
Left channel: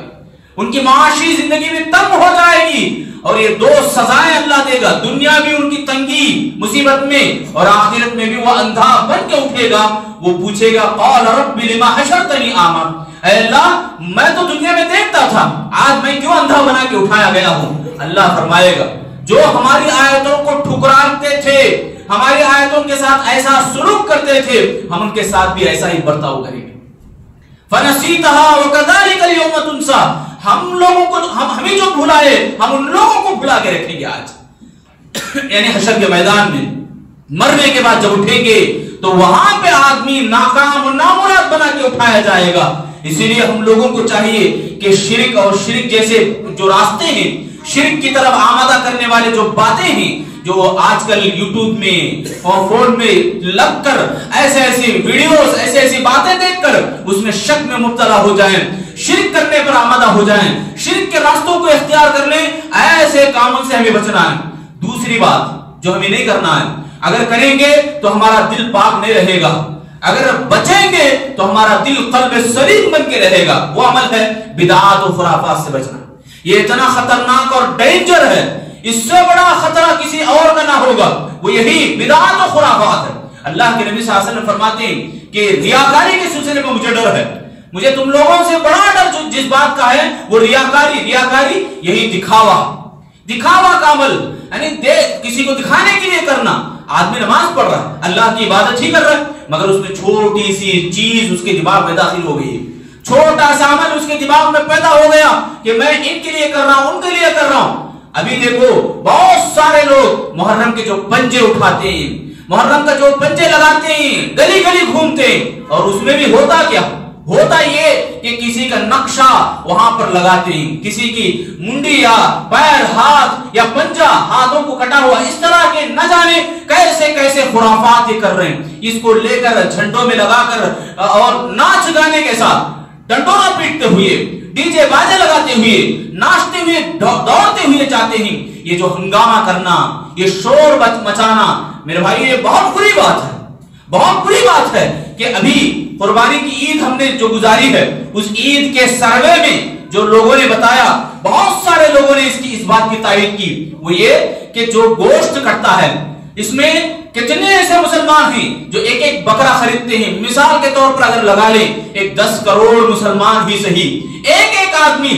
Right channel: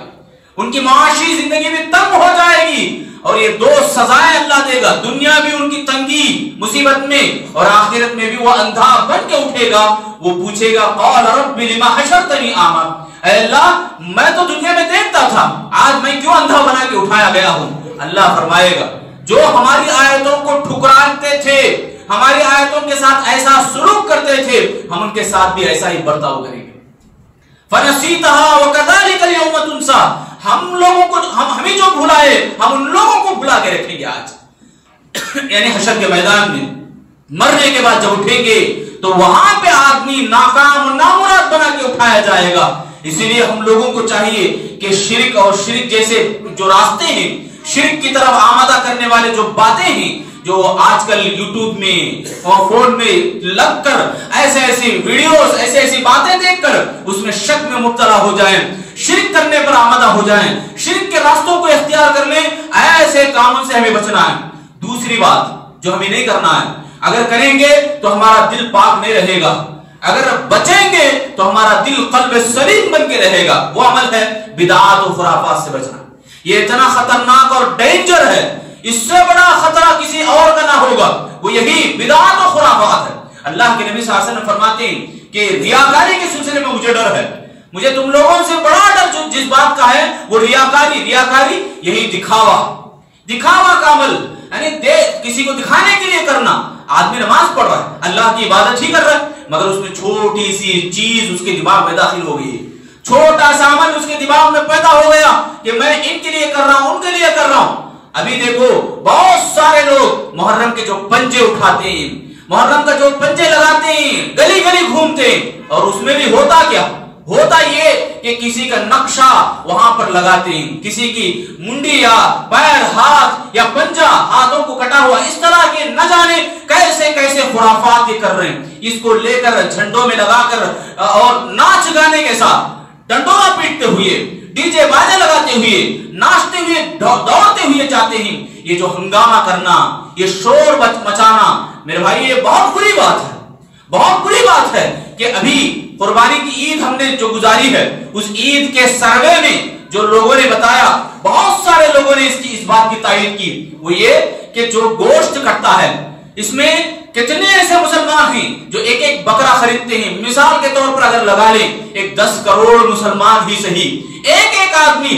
ان کی معاشی زندگی میں تنگ ہو جائے گی، اور یہ دو سزائیں اللہ دے گا، دنیا بھی ان کی تنگی مصیبت میں اور آخرت میں بھی وہ اندھا بن کے اٹھے گا۔ وہ پوچھے گا قال رب لما حشرتنی اعمی، اے اللہ میں تو دنیا میں دیکھتا تھا، آج میں کیوں اندھا بنا کے اٹھایا گیا ہوں؟ اللہ فرمائے گا جو ہماری آیتوں کو ٹھکراتے تھے، ہماری آیتوں کے ساتھ ایسا سلوک کرتے تھے، ہم ان کے ساتھ بھی ایسا ہی برتاؤ کریں گے۔ فَنَسِيتَهَا وَكَذَلِكَ الْيَوْمَ تُنْسَى، ہم لوگوں کو، ہمیں جو بھلائے ہم ان لوگوں کو بھلا کے رکھیں گے آج۔ یعنی حشر کے میدان میں مرنے کے بعد جب اٹھیں گے تو وہاں پہ آدمی ناکام اور نامراد بنا کے اٹھایا جائے گا۔ اسی لیے ہم لوگوں کو چاہیے کہ شرک اور شرک جیسے جو راستے ہیں، شرک کی طرف آمادہ کرنے والے جو باتیں ہیں، جو آج کل یوٹیوب میں اور فون میں لگ کر ایسے ایسی ویڈیوز، ایسے ایسی باتیں دیکھ کر اس میں شک میں مبتلا ہو جائیں، شرک کرنے پر آمادہ ہو جائیں، شرک کے راستوں کو اختیار کر لیں، ایسے کاموں سے ہمیں بچنا ہے۔ دوسری بات جو ہمیں نہیں کرنا ہے، اگر کریں گے تو ہمارا دل پاک نہیں رہے گا، اگر بچیں گے تو ہمارا دل قلب سلیم بن کے رہے گا، وہ عمل ہے بدعات و خرافات سے بچنا۔ یہ اتنا خطرناک اور ڈینجر ہے، اس سے بڑا خطرہ کسی اور کا نہ ہوگا، وہ یہی بدعات و خرافات ہے۔ اللہ کے نبی صلی اللہ علیہ وسلم فرماتے ہیں کہ ریاکاری کے سلسلے میں مجھے ڈر ہے، مجھے تم لوگوں سے بڑا ڈر جو جس بات کا ہے وہ ریاکاری یہی دکھاوا کا عمل، یعنی کسی کو دکھانے کے لیے کرنا۔ آدمی نماز پڑھ رہا ہے، اللہ کی عبادت ہی کر رہا ہے، مگر اس میں چھوٹی سی چیز اس کے دماغ میں داخل ہو گئی، چھوٹا سا عمل اس کے دماغ میں پیدا ہو گیا کہ میں ان کے لیے کر رہا ہوں، ان کے لیے کر رہا ہوں۔ ابھی دیکھو بہت سارے لوگ محرم کے جو پنجے اٹھاتے ہیں، محرم کا جو پنجے لگاتے ہیں، گلی گلی گھومتے ہیں، اور اس میں بھی ہوتا کیا؟ ہوتا یہ کہ کسی کا نقشہ وہاں پر لگاتے ہیں، کسی کی منڈی یا پیر، ہاتھ یا پنجہ، ہاتھوں کو کٹا ہوا، اس طرح کے نہ جانے کیسے کیسے خرافات یہ کر رہے ہیں۔ اس کو لے کر جھنڈوں میں لگا کر اور ناچ گانے کے ساتھ ڈنڈورا پیٹتے ہوئے، ڈی جے باجے لگاتے ہوئے، ناچتے ہوئے، دوڑتے ہوئے جاتے ہیں۔ یہ جو ہنگامہ کرنا، یہ شور مچانا، میرے بھائی یہ بہت بری بات ہے، بہت بری بات ہے کہ ابھی قربانی کی عید ہم نے جو گزاری ہے، اس عید کے سروے میں جو لوگوں نے بتایا، بہت سارے لوگوں نے اس بات کی تائید کی، وہ یہ کہ جو گوشت کٹتا ہے، اس میں کتنے ایسے مسلمان ہیں جو ایک ایک بکرا خریدتے ہیں۔ مثال کے طور پر اگر لگا لیں 10 کروڑ مسلمان ہی صحیح، ایک آدمی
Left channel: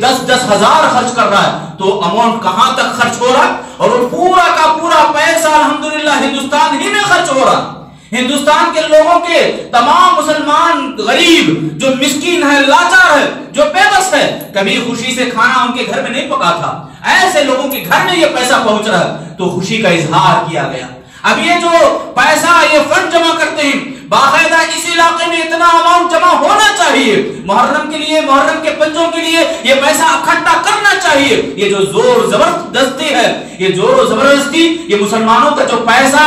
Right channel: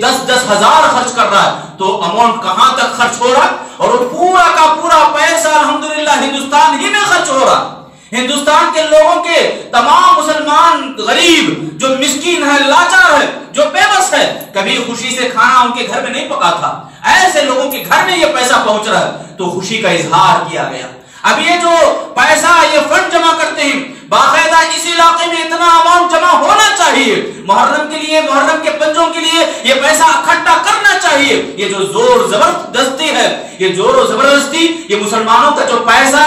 10 ہزار خرچ کر رہا ہے، تو اماؤنٹ کہاں تک خرچ ہو رہا ہے؟ اور وہ پورا کا پورا پیسہ الحمدللہ ہندوستان ہی میں خرچ ہو رہا ہے۔ ہندوستان کے لوگوں کے تمام مسلمان غریب جو مسکین ہے، لاچار ہے، جو بے بس ہے، کبھی خوشی سے کھانا ان کے گھر میں نہیں پکا تھا، ایسے لوگوں کے گھر میں یہ پیسہ پہنچ رہا ہے تو خوشی کا اظہار کیا گیا۔ اب یہ جو پیسہ، یہ فنڈ جمع کرتے ہیں، باقاعدہ اس علاقے میں اتنا اماؤنٹ جمع ہونا چاہیے، محرم کے لیے، محرم کے پنجوں کے لیے یہ پیسہ اکٹھا کرنا چاہیے۔ یہ جو زور زبردستی ہے، یہ زور و زبردستی، یہ مسلمانوں کا جو پیسہ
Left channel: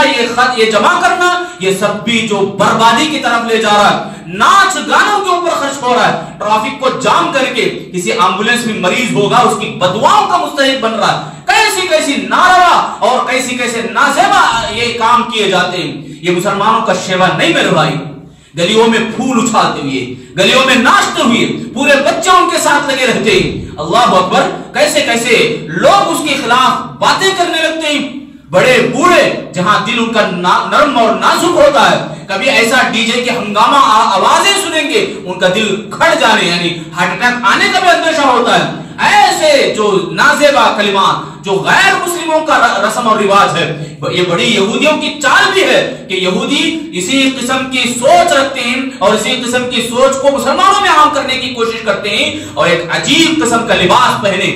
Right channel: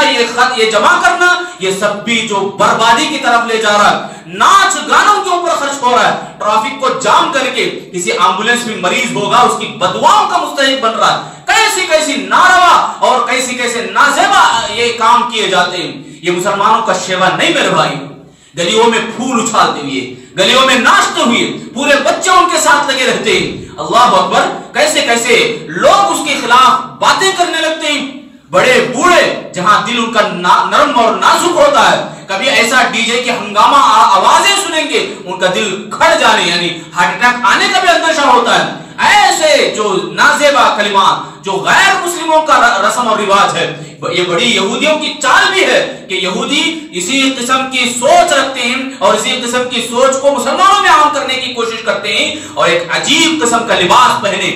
یہ جمع کرنا، یہ سب بھی جو بربادی کی طرف لے جا رہا ہے، ناچ گانوں کے اوپر خرچ ہو رہا ہے، ٹریفک کو جام کر کے کسی ایمبولینس میں مریض ہوگا اس کی بددعاؤں کا مستحق بن رہا ہے۔ کیسی ناروا اور کیسے نازیبا یہ کام کیے جاتے ہیں۔ یہ مسلمانوں کا شیوا نہیں میرے بھائی۔ گلیوں میں پھول اچھالتے ہوئے، گلیوں میں ناچتے ہوئے، پورے بچے ان کے ساتھ لگے رہتے ہیں۔ اللہ اکبر، کیسے لوگ اس کے خلاف باتیں کرنے لگتے ہیں۔ بڑے بوڑھے جہاں دل ان کا نرم اور نازک ہوتا ہے، کبھی ایسا ڈی جے کی ہنگامہ آوازیں سنیں گے ان کا دل کھڑ جانے، یعنی ہارٹ اٹیک آنے کا بھی اندیشہ ہوتا ہے۔ ایسے جو نازیبا کلمات، جو غیر مسلموں کا رسم اور رواج ہے، یہ بڑی یہودیوں کی چال بھی ہے کہ یہودی اسی قسم کی سوچ رکھتے ہیں اور اسی قسم کی سوچ کو مسلمانوں میں عام کرنے کی کوشش کرتے ہیں، اور ایک عجیب قسم کا لباس پہنے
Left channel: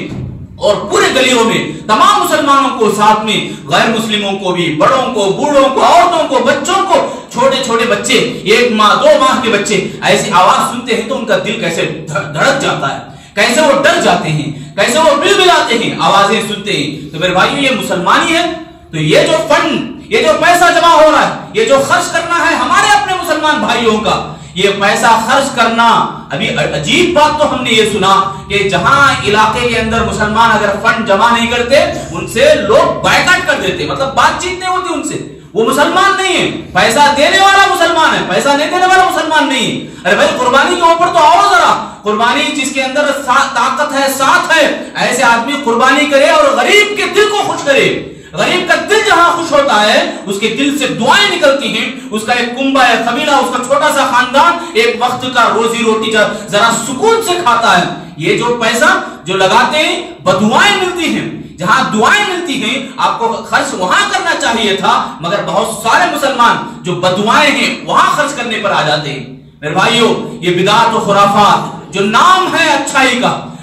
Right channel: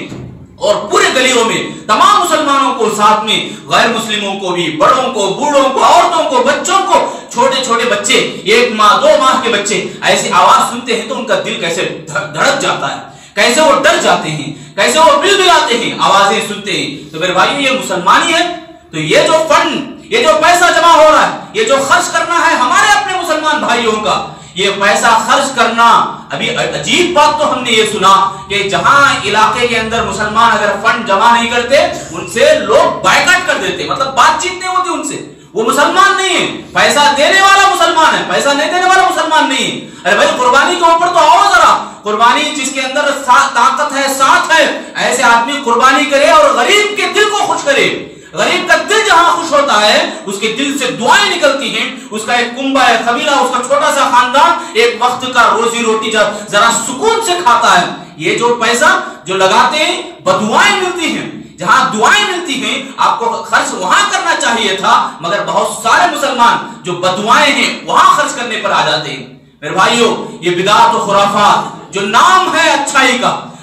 اور پورے گلیوں میں تمام مسلمانوں کو، ساتھ میں غیر مسلموں کو بھی، بڑوں کو، بوڑھوں کو، عورتوں کو، بچوں کو، چھوٹے بچے، 1 ماہ 2 ماہ کے بچے ایسی آواز سنتے ہیں تو ان کا دل کیسے دھڑک جاتا ہے، کیسے وہ ڈر جاتے ہیں، کیسے وہ بلبلاتے ہیں آوازیں سنتے ہیں۔ تو میرے بھائیو یہ مسلمانی ہے۔ تو یہ جو فنڈ، یہ جو پیسہ جمع ہو رہا ہے، یہ جو خرچ کرنا ہے ہمارے اپنے مسلمان بھائیوں کا، یہ پیسہ خرچ کرنا، ابھی عجیب بات تو ہم نے یہ سنا کہ جہاں علاقے کے اندر مسلمان اگر فنڈ جمع نہیں کرتے ان سے لوگ بائیکاٹ کر دیتے، مطلب بات چیت نہیں ہوتی ان سے، وہ مسلمان نہیں ہے، پیسہ دینے والا مسلمان ہے، پیسہ نہیں دینے والا مسلمان نہیں ہے۔ ارے بھائی قربانی کے اوپر تو آؤ ذرا، قربانی جس کے اندر طاقت ہے، ساتھ ہے، ایسے آدمی قربانی کرے اور غریب کے دل کو خوش کرے۔ غریب کا دل جہاں خوش ہوتا ہے اس کے دل سے دعائیں نکلتی ہیں، اس کا ایک کنبہ ہے، قبیلہ، اس کا چھوٹا سا خاندان ایک وقت کا روزی روٹی ذرا سکون سے کھاتا ہے۔ یہ جو پیسہ جو لگاتے ہیں بددعائیں ملتی ہیں، جہاں دعائیں ملتی ہیں آپ کو خرچ وہاں کرنا چاہیے تھا، مگر بہت سارے مسلمان جو بددعائیں ہیں وہاں خرچ کرنے پر آ جاتے ہیں۔ میرے بھائیو یہ بدعات و خرافات جو نام ہے اچھائی کا،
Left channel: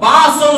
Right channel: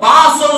500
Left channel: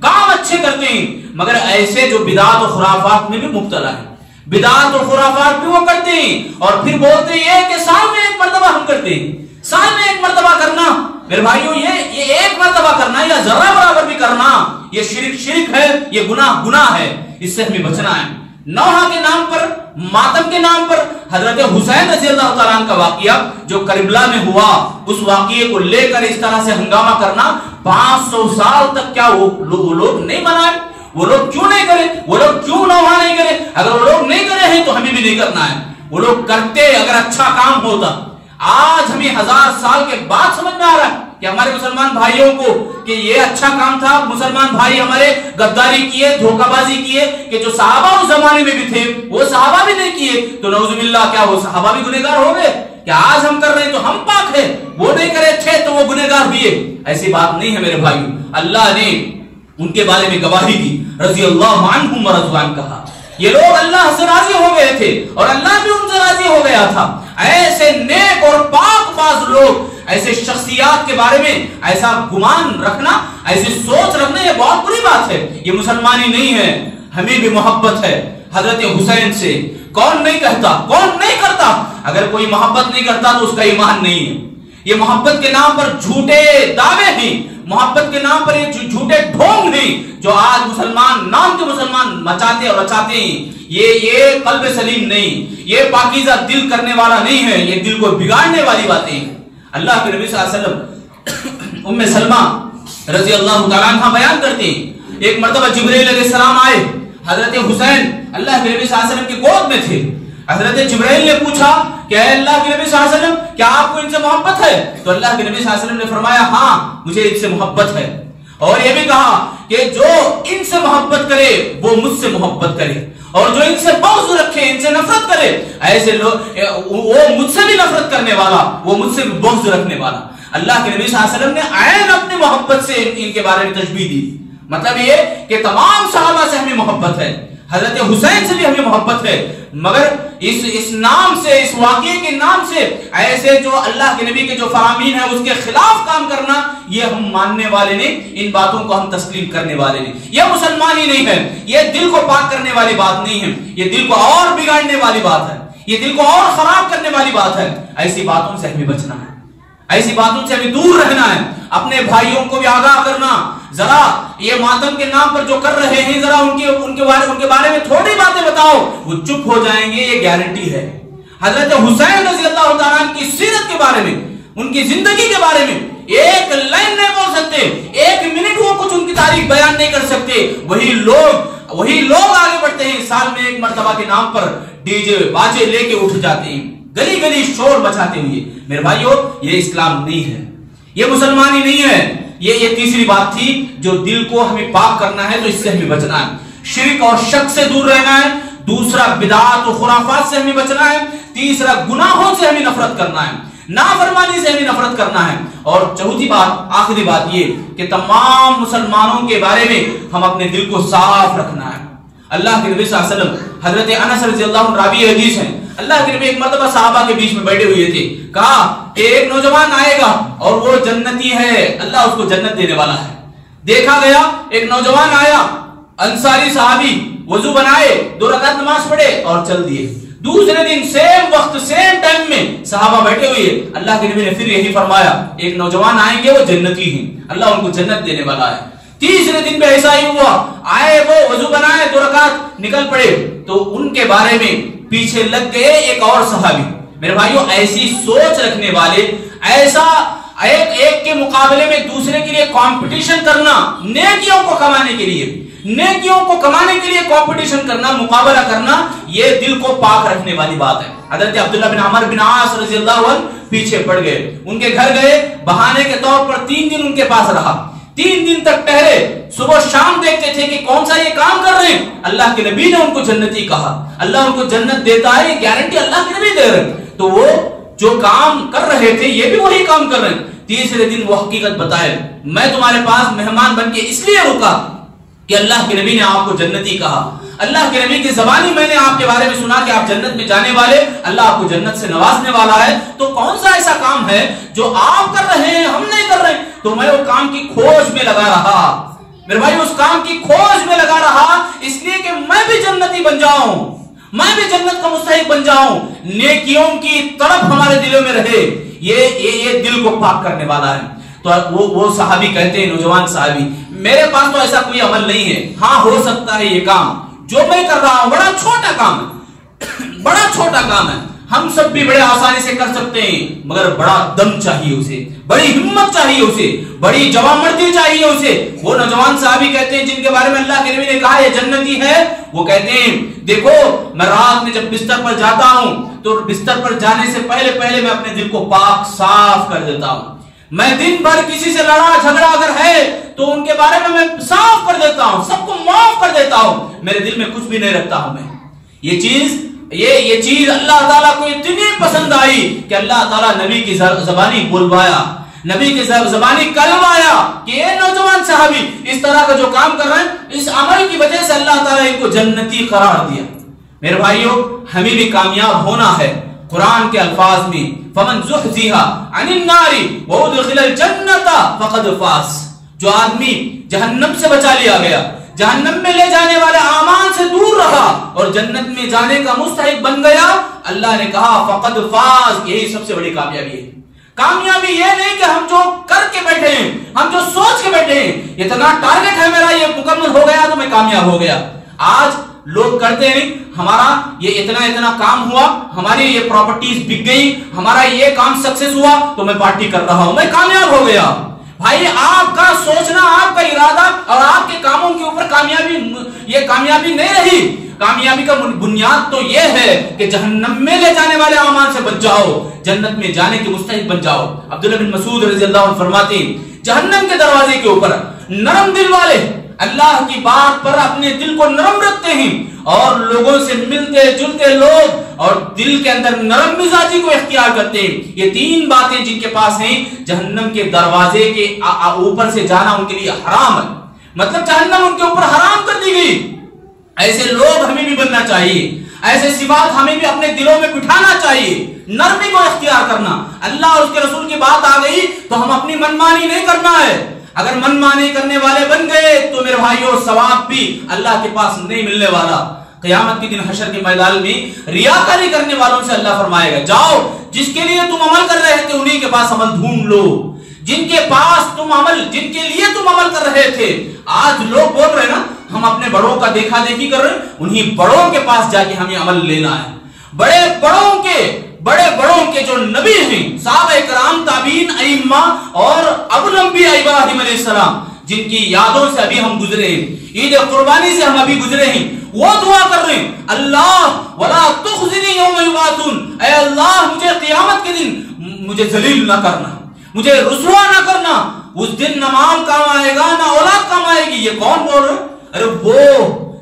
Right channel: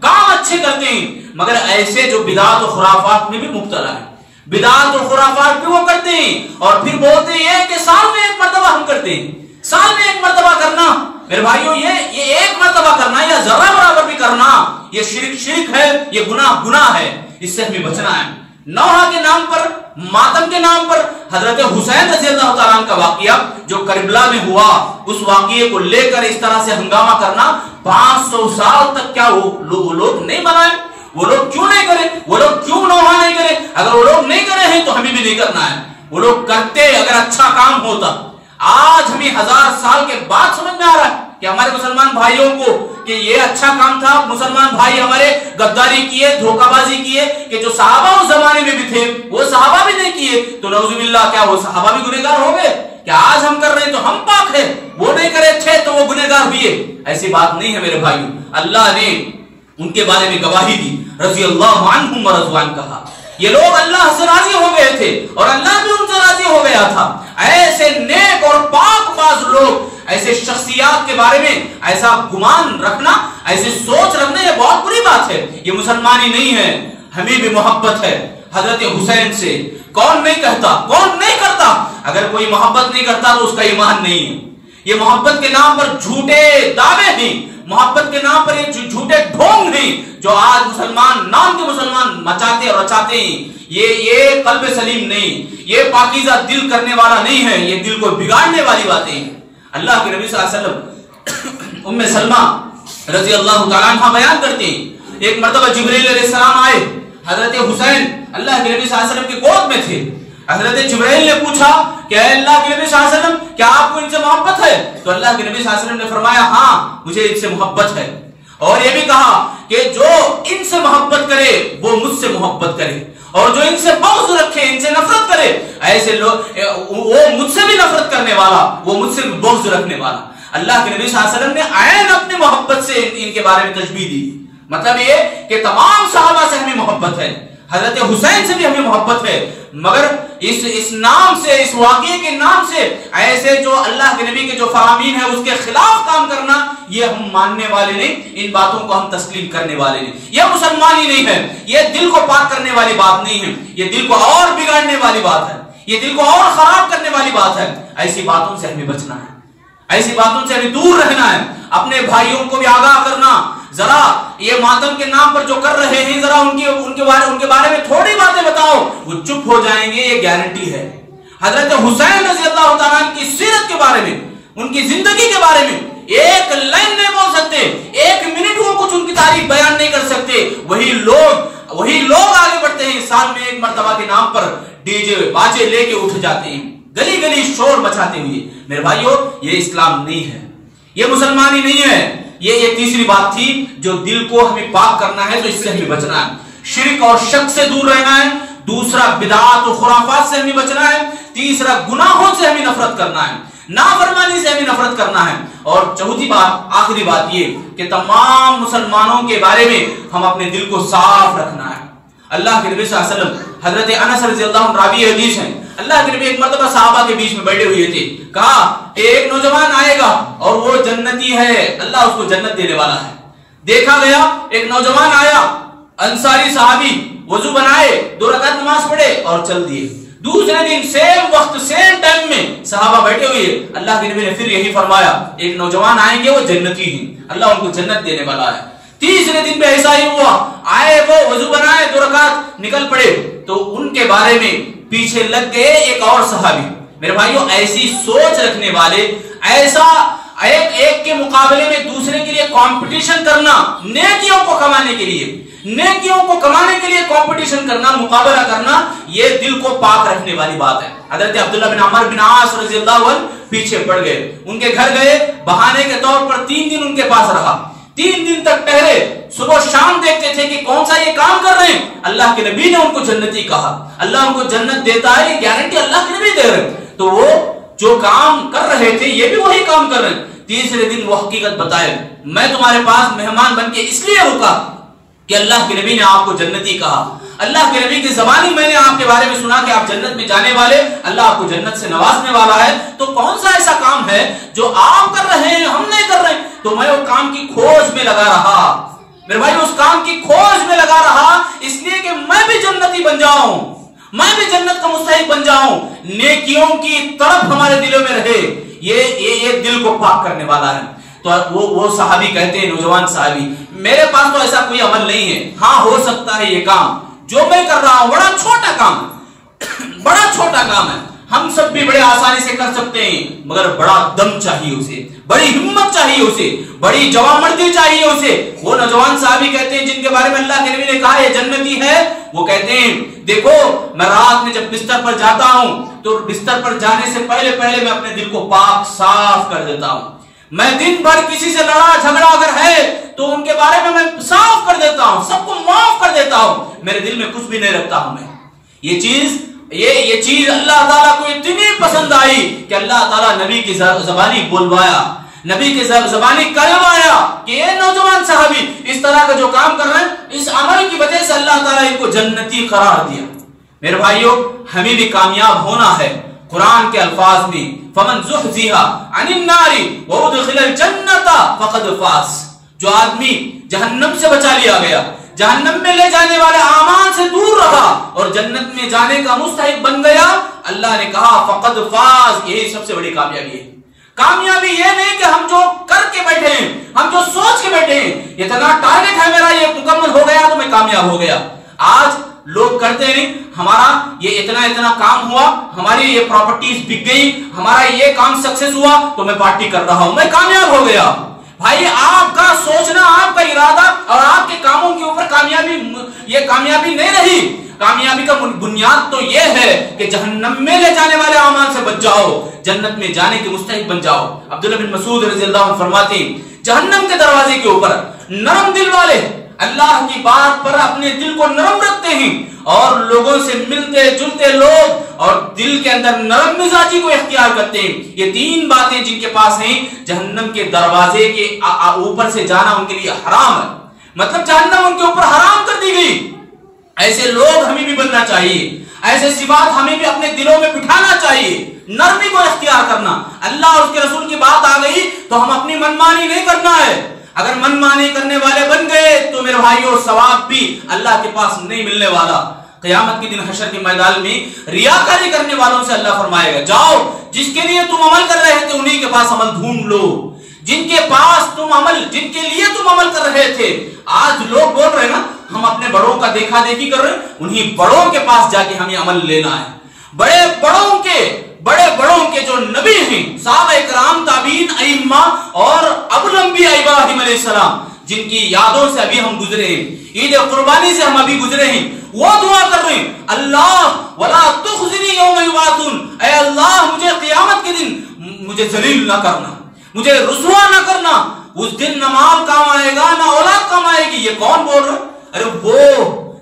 کام اچھے کرتے ہیں، مگر ایسے جو بدعات و خرافات میں بھی مبتلا ہیں، بدعات و خرافات بھی وہ کرتے ہیں اور پھر بولتے ہیں کہ سال میں ایک مرتبہ ہم کرتے ہیں، سال میں ایک مرتبہ کرنا میرے بھائیوں، یہ ایک مرتبہ کرنا یا ذرہ برابر بھی کرنا یہ شرک ہے، یہ گناہ ہے، اس سے ہمیں بچنا ہے۔ نوحہ کے نام پر، ماتم کے نام پر حضرت حسین رضی اللہ تعالیٰ عنہ کا واقعہ جو کربلا میں ہوا، اس واقعے کو لے کر اس طرح سے ہنگامہ کرنا 500 سال تک کیا وہ لوگ نہیں منائے؟ وہ لوگ کیوں نہیں کرے؟ وہ لوگ کیوں نوحہ نہیں کرے؟ اگر وہ لوگ نہیں کرے ہیں تو ہمیں بھی نہیں کرنا ہے۔ وہ لوگ کرتے اگر اچھا کام ہوتا۔ آج ہمیں 1000 سال کے بعد سمجھ میں آ رہا ہے کہ ہمارے مسلمان بھائیوں کو کہ یہ اچھا کام تھا، مسلمان بھائی ہمارے غداری کیے، دھوکہ بازی کیے، کہ جو صحابہ اس زمانے میں بھی تھے وہ صحابہ بھی نہیں کیے، تو نعوذ باللہ کیا وہ صحابہ بھی گنہگار ہو گئے؟ کہ آج ہم کر رہے ہیں تو ہم پاک ہیں، وہ نہیں کرے تھے تو وہ گنہگار بھی ہے؟ ایسی بات نہیں ہے میرے بھائیوں۔ اللہ نے ان کے بارے میں گواہی دی، رضی اللہ عنہم ورضوا عنہ کہا۔ یہ لوگ اللہ سے راضی ہو گئے تھے اور اللہ بھی ان سے راضی ہو گیا تھا۔ ایسے نیک اور پاک باز لوگ، ایسے شخصیات کے بارے میں ایسا گمان رکھنا، ایسی سوچ رکھنا یہ بہت بری بات ہے، یہ مسلمانی نہیں ہے۔ ہمیں بھی محبت ہے حضرت حسین سے، کون نہیں کہتا، کون نہیں کرتا؟ اگر کوئی محبت نہیں کرتا تو اس کا ایمان نہیں ہے۔ یہ محبت کے نام پر جھوٹے دعوے ہیں، محبت کے نام پر یہ جھوٹے ڈھونگ ہیں جو آج مسلمان نام کے مسلمان مچاتے اور رچاتے ہیں۔ یہ قلب سلیم نہیں، یہ پاکیزہ دل کرنے والا نہیں ہے، یہ دل کو بگاڑنے والی باتیں ہیں۔ اللہ کے نبی صلی اللہ علیہ وسلم ام سلمہ رضی اللہ تعالیٰ عنہ بیان کرتے ہیں، ایک مرتبہ جبرائیل علیہ السلام آئے، حضرت حسین اللہ کے نبی صلی اللہ علیہ وسلم کی گود میں تھے۔ حضرت جبرائیل نے پوچھا کہ اے اللہ کے نبی صلی اللہ علیہ وسلم کیا آپ کو ان سے محبت ہے؟ تو اللہ کے نبی صلی اللہ علیہ وسلم نے فرمایا ہاں مجھے ان سے محبت ہے، اور یہ بھی کہا کہ جو ان سے محبت کرے وہ مجھ سے محبت کرے، اور جو ان سے بغض رکھے، ان سے نفرت کرے، ایسے لوگ وہ مجھ سے بھی نفرت کرنے والا، وہ مجھ سے بھی بغض رکھنے والا۔ اللہ کے نبی صلی اللہ علیہ وسلم نے عین اپنی محبت سے ان کے بارے میں تشبیہ دی۔ مطلب یہ کہ تمام صحابہ سے ہمیں محبت ہے، حضرت حسین سے بھی ہمیں محبت ہے، مگر اس نام سے، اس واقعے کے نام سے ایسے جو اللہ کے نبی کے جو فرامین ہیں اس کے خلاف کام کرنا، یہ ہم ماننے والے نہیں، ان باتوں کو ہم تسلیم کرنے والے نہیں۔ یہ مسلمانی نہیں ہے، یہ دل کو پاک کرنے والی بات نہیں ہے، یہ دل کو اور بگاڑنے والی بات ہے، یہ دل کو اور خراب کرنے والی بات ہے۔ ایسی باتوں سے ہمیں بچنا ہے، ایسی باتوں سے ہمیں دور رہنا ہے، اپنے بھائیوں کو بھی آگاہ کرنا۔ ذرا یہ ماتم کے نام پر جو کر رہے ہیں ذرا ان کے بارے میں تھوڑی باتیں بتاؤ، وہ چپ ہو جائیں گے، یہ گارنٹی ہے۔ حضرت حسین رضی اللہ تعالیٰ عنہ کی سیرت کے بارے میں، ان کی زندگی کے بارے میں ایک لائن نہیں بول سکتے، ایک منٹ وہ کچھ ان کی تاریخ بیان نہیں کر سکتے، وہی لوگ آگے بڑھتے ہیں، سال میں ایک مرتبہ کے نام پر ڈی جے باجے لے کے اٹھ جاتے ہیں، گلی گلی شور مچاتے ہوئے۔ میرے بھائیو یہ اسلام نہیں ہے، یہ مسلمانی نہیں ہے۔ یہ تیسری بات تھی جو دل کو ہمیں پاک کرنا ہے، تو اس سے ہمیں بچنا ہے، شرک اور شک سے دور رہنا ہے۔ دوسرا بدعات و خرافات سے ہمیں بچنا ہے۔ تیسرا گناہوں سے ہمیں نفرت کرنا ہے، نافرمانی سے ہمیں نفرت کرنا ہے۔ اور چوتھی بات، آخری بات یہ کہ تمام مسلمانوں کے بارے میں ہم اپنے دل کو صاف رکھنا ہے۔ اللہ کے نبی صلی اللہ علیہ وسلم، حضرت انس رضی اللہ عنہ راوی حدیث ہیں، اللہ کے نبی ایک مرتبہ صحابہ کے بیچ میں بیٹھے ہوئے تھے، کہا کہ ایک نوجوان آئے گا اور وہ جنتی ہے، اللہ اس کو جنت دینے والا ہے۔ دیکھا گیا ایک نوجوان آیا، انصاری صحابی، وضو بنائے، 2 رکعت نماز پڑھے اور چل دیے۔ دوسرے دن سیم وقت سیم ٹائم میں صحابہ بیٹھے ہوئے، اللہ کے نبی نے پھر یہی فرمایا ایک نوجوان آئیں گے وہ جنتی ہیں، اللہ ان کو جنت دینے والا ہے۔ تیسرے دن بھی ایسا ہی ہوا، آئے وہ وضو بنائے، 2 رکعت نکل پڑے، تو ان کے بارے میں پیچھے لگ گئے ایک اور صحابی۔ میرے بھائیو ایسی سوچ رکھنے والے، ایسا ایک کے مقابلے میں دوسرے کے لیے کمپٹیشن کرنا، نیکیوں کو کمانے کے لیے کمپٹیشن کرنا، مقابلہ کرنا، یہ دل کو پاک رکھنے والی بات ہے۔ حضرت عبداللہ بن عمر بن عاص رضی اللہ عنہ پیچھے پڑ گئے، ان کے گھر گئے، بہانے کے طور پر 3 دن ان کے پاس رہا، 3 دن تک ٹہرے، صبح شام دیکھتے تھے کہ کون سا یہ کام کر رہے ہیں۔ اللہ کے نبی نے ان کو جنتی کہا، اللہ ان کو جنت دیتا ہے، یہ گارنٹی اللہ کے نبی دے رہے، تو وہ جو کام کر رہے تھے یہ بھی وہی کام کر رہے ہیں۔ تیسرے دن وہ حقیقت بتائے، میں تمہارے پاس مہمان بن کے اس لیے رکا کہ اللہ کے نبی نے آپ کو جنتی کہا، اللہ کے نبی کی زبانی میں نے آپ کے بارے میں سنا کہ آپ جنت میں جانے والے، اللہ آپ کو جنت سے نوازنے والا ہے، تو کون سا ایسا کام ہے جو آپ کر رہے ہیں ہم نہیں کر رہے ہیں؟ تو میں وہ کام کی کھوج میں لگا رہا، میرے بھائی اس کام کی کھوج میں لگا رہا اس لیے کہ میں بھی جنتی بن جاؤں، میں بھی جنت کا مستحق بن جاؤں، نیکیوں کی طرف ہمارے دلوں میں رہے، یہ دل کو پاک کرنے والا ہے۔ تو وہ صحابی کہتے ہیں، نوجوان صحابی، میرے پاس تو ایسا کوئی عمل نہیں ہے، ہاں ہو سکتا ہے یہ کام جو میں کر رہا ہوں بڑا چھوٹا کام ہے، بڑا چھوٹا کام ہے، ہم سب بھی بڑے آسانی سے کر سکتے ہیں، مگر بڑا دم چاہیے اسے، بڑی ہمت چاہیے اسے، بڑی جوانمردی چاہیے اسے۔ وہ نوجوان صحابی کہتے ہیں جن کے بارے میں اللہ کے نبی نے کہا یہ جنتی ہے، وہ کہتے ہیں دیکھو میں رات میں جب بستر پر جاتا ہوں تو بستر پر جانے سے پہلے میں اپنے دل کو پاک صاف کر دیتا ہوں، میں دن بھر کسی سے لڑا جھگڑا اگر ہے تو ان کے بارے میں صاف کر دیتا ہوں، سب کو معاف کر دیتا ہوں، میرے دل میں کچھ بھی نہیں رکھتا ہوں میں۔ یہ چیز اللہ تعالیٰ کو اتنی پسند آئی کہ اللہ تعالیٰ نبی کی زبانی بولوایا، نبی کی زبانی کروایا کہ یہ نوجوان صحابی اس طرح کا جو کام کر رہے ہیں، اس عمل کی وجہ سے اللہ تعالیٰ ان کو جنتی قرار دیا۔ میرے بھائیوں ہمیں بھی کامیاب ہونا ہے، قرآن کے الفاظ میں فمن زحزح عن النار وادخل الجنۃ فقد فاز، جو آدمی جہنم سے بچا لیا گیا، جہنم میں لے جانے والے اعمال سے دور رہا اور جنت میں جانے کا مستحق بن گیا، اللہ نے کہا فقد فاز، یہی سب سے بڑی کامیابی ہے۔ کامیابی یہ نہیں کہ ہم جو کر کے بیٹھے ہیں، ہم جو سوچ کے بیٹھے ہیں، اتنا ٹارگٹ ہے میرا یہ مکمل ہو گیا تو میں کامیاب ہو گیا۔ آج لوگ کرتے ہیں ہمارا یہ اتنا کام ہوا، ہماری یہ پراپرٹیز بک گئی، ہمارا یہ کام سکسیس ہوا تو میں پارٹی کر رہا ہوں، میں کامیاب ہو گیا۔ بھائی آپ کا سوچنا، آپ کا ارادہ اور آپ کے کاموں کے اوپر کامیابی نہیں رہی۔ کامیابی کا بنیاد تو یہ ہے کہ جہنم میں لے جانے والے اعمال سے بچ جاؤ، جنت میں جانے کے مستحق بن جاؤ۔ عبداللہ بن مسعود رضی اللہ عنہ فرماتے ہیں جہنم کے دروازے کے اوپر نرم دل والے اللہ کی بات پر اپنے دل کو نرم رکھتے ہیں، اور لوگوں سے ملتے جلتے لوگ اور دل کے اندر نرم مزاجی کو اختیار کرتے ہیں، یہ تین باتیں جن کے پاس ہیں، جہنم کے دروازے کے اوپر سے جانا ان کے لیے حرام ہے، مطلب جہنم ان کے اوپر حرام کر دی گئی۔ ایسے لوگ ہمیں بھی بننا چاہیے، ایسے صفات ہمیں بھی اپنے دلوں میں بٹھانا چاہیے، نرمی کو اختیار کرنا۔ اللہ اور اس کے رسول کی بات آ گئی تو ہم اپنی منمانی نہیں کرنا ہے، اگر منمانی کرنے والے بن گئے تو میرے بھائیوں ثواب بھی اللہ کے پاس نہیں ملنے والا۔ قیامت کے دن حشر کے میدان میں ریاکاری کرنے والوں سے اللہ فرمائے گا جاؤ جس کے لیے تم عمل کر رہے تھے انہی کے پاس عمل ڈھونڈ لو، جن کے لیے تم عمل کر رہے تھے۔ آج لوگ بول رہے ہیں نا ہم اپنے بڑوں کا دیکھا دیکھی کر رہے ہیں، انہی بڑوں کے پاس جا کے ہمیں عمل لینا ہے۔ بڑے بڑوں کے جو نبی ہیں، صحابہ کرام، تابعین، ائمہ اور ابو الانبیاء ابراہیم علیہ السلام، جن کی یادوں سے ابھی ہم گزرے ہیں، عید قربانی سے ہم ابھی گزرے ہیں، وہ دعا کر رہے ہیں اللہ ولا تخزنی یوم یبعثون، اے اللہ مجھے قیامت کے دن مجھے ذلیل نہ کرنا، مجھے رسوا نہ کرنا، اس دن نہ مال کام آئے گا نہ اولاد کام آئے گی۔ یہ کون بول رہے؟ ارے وہ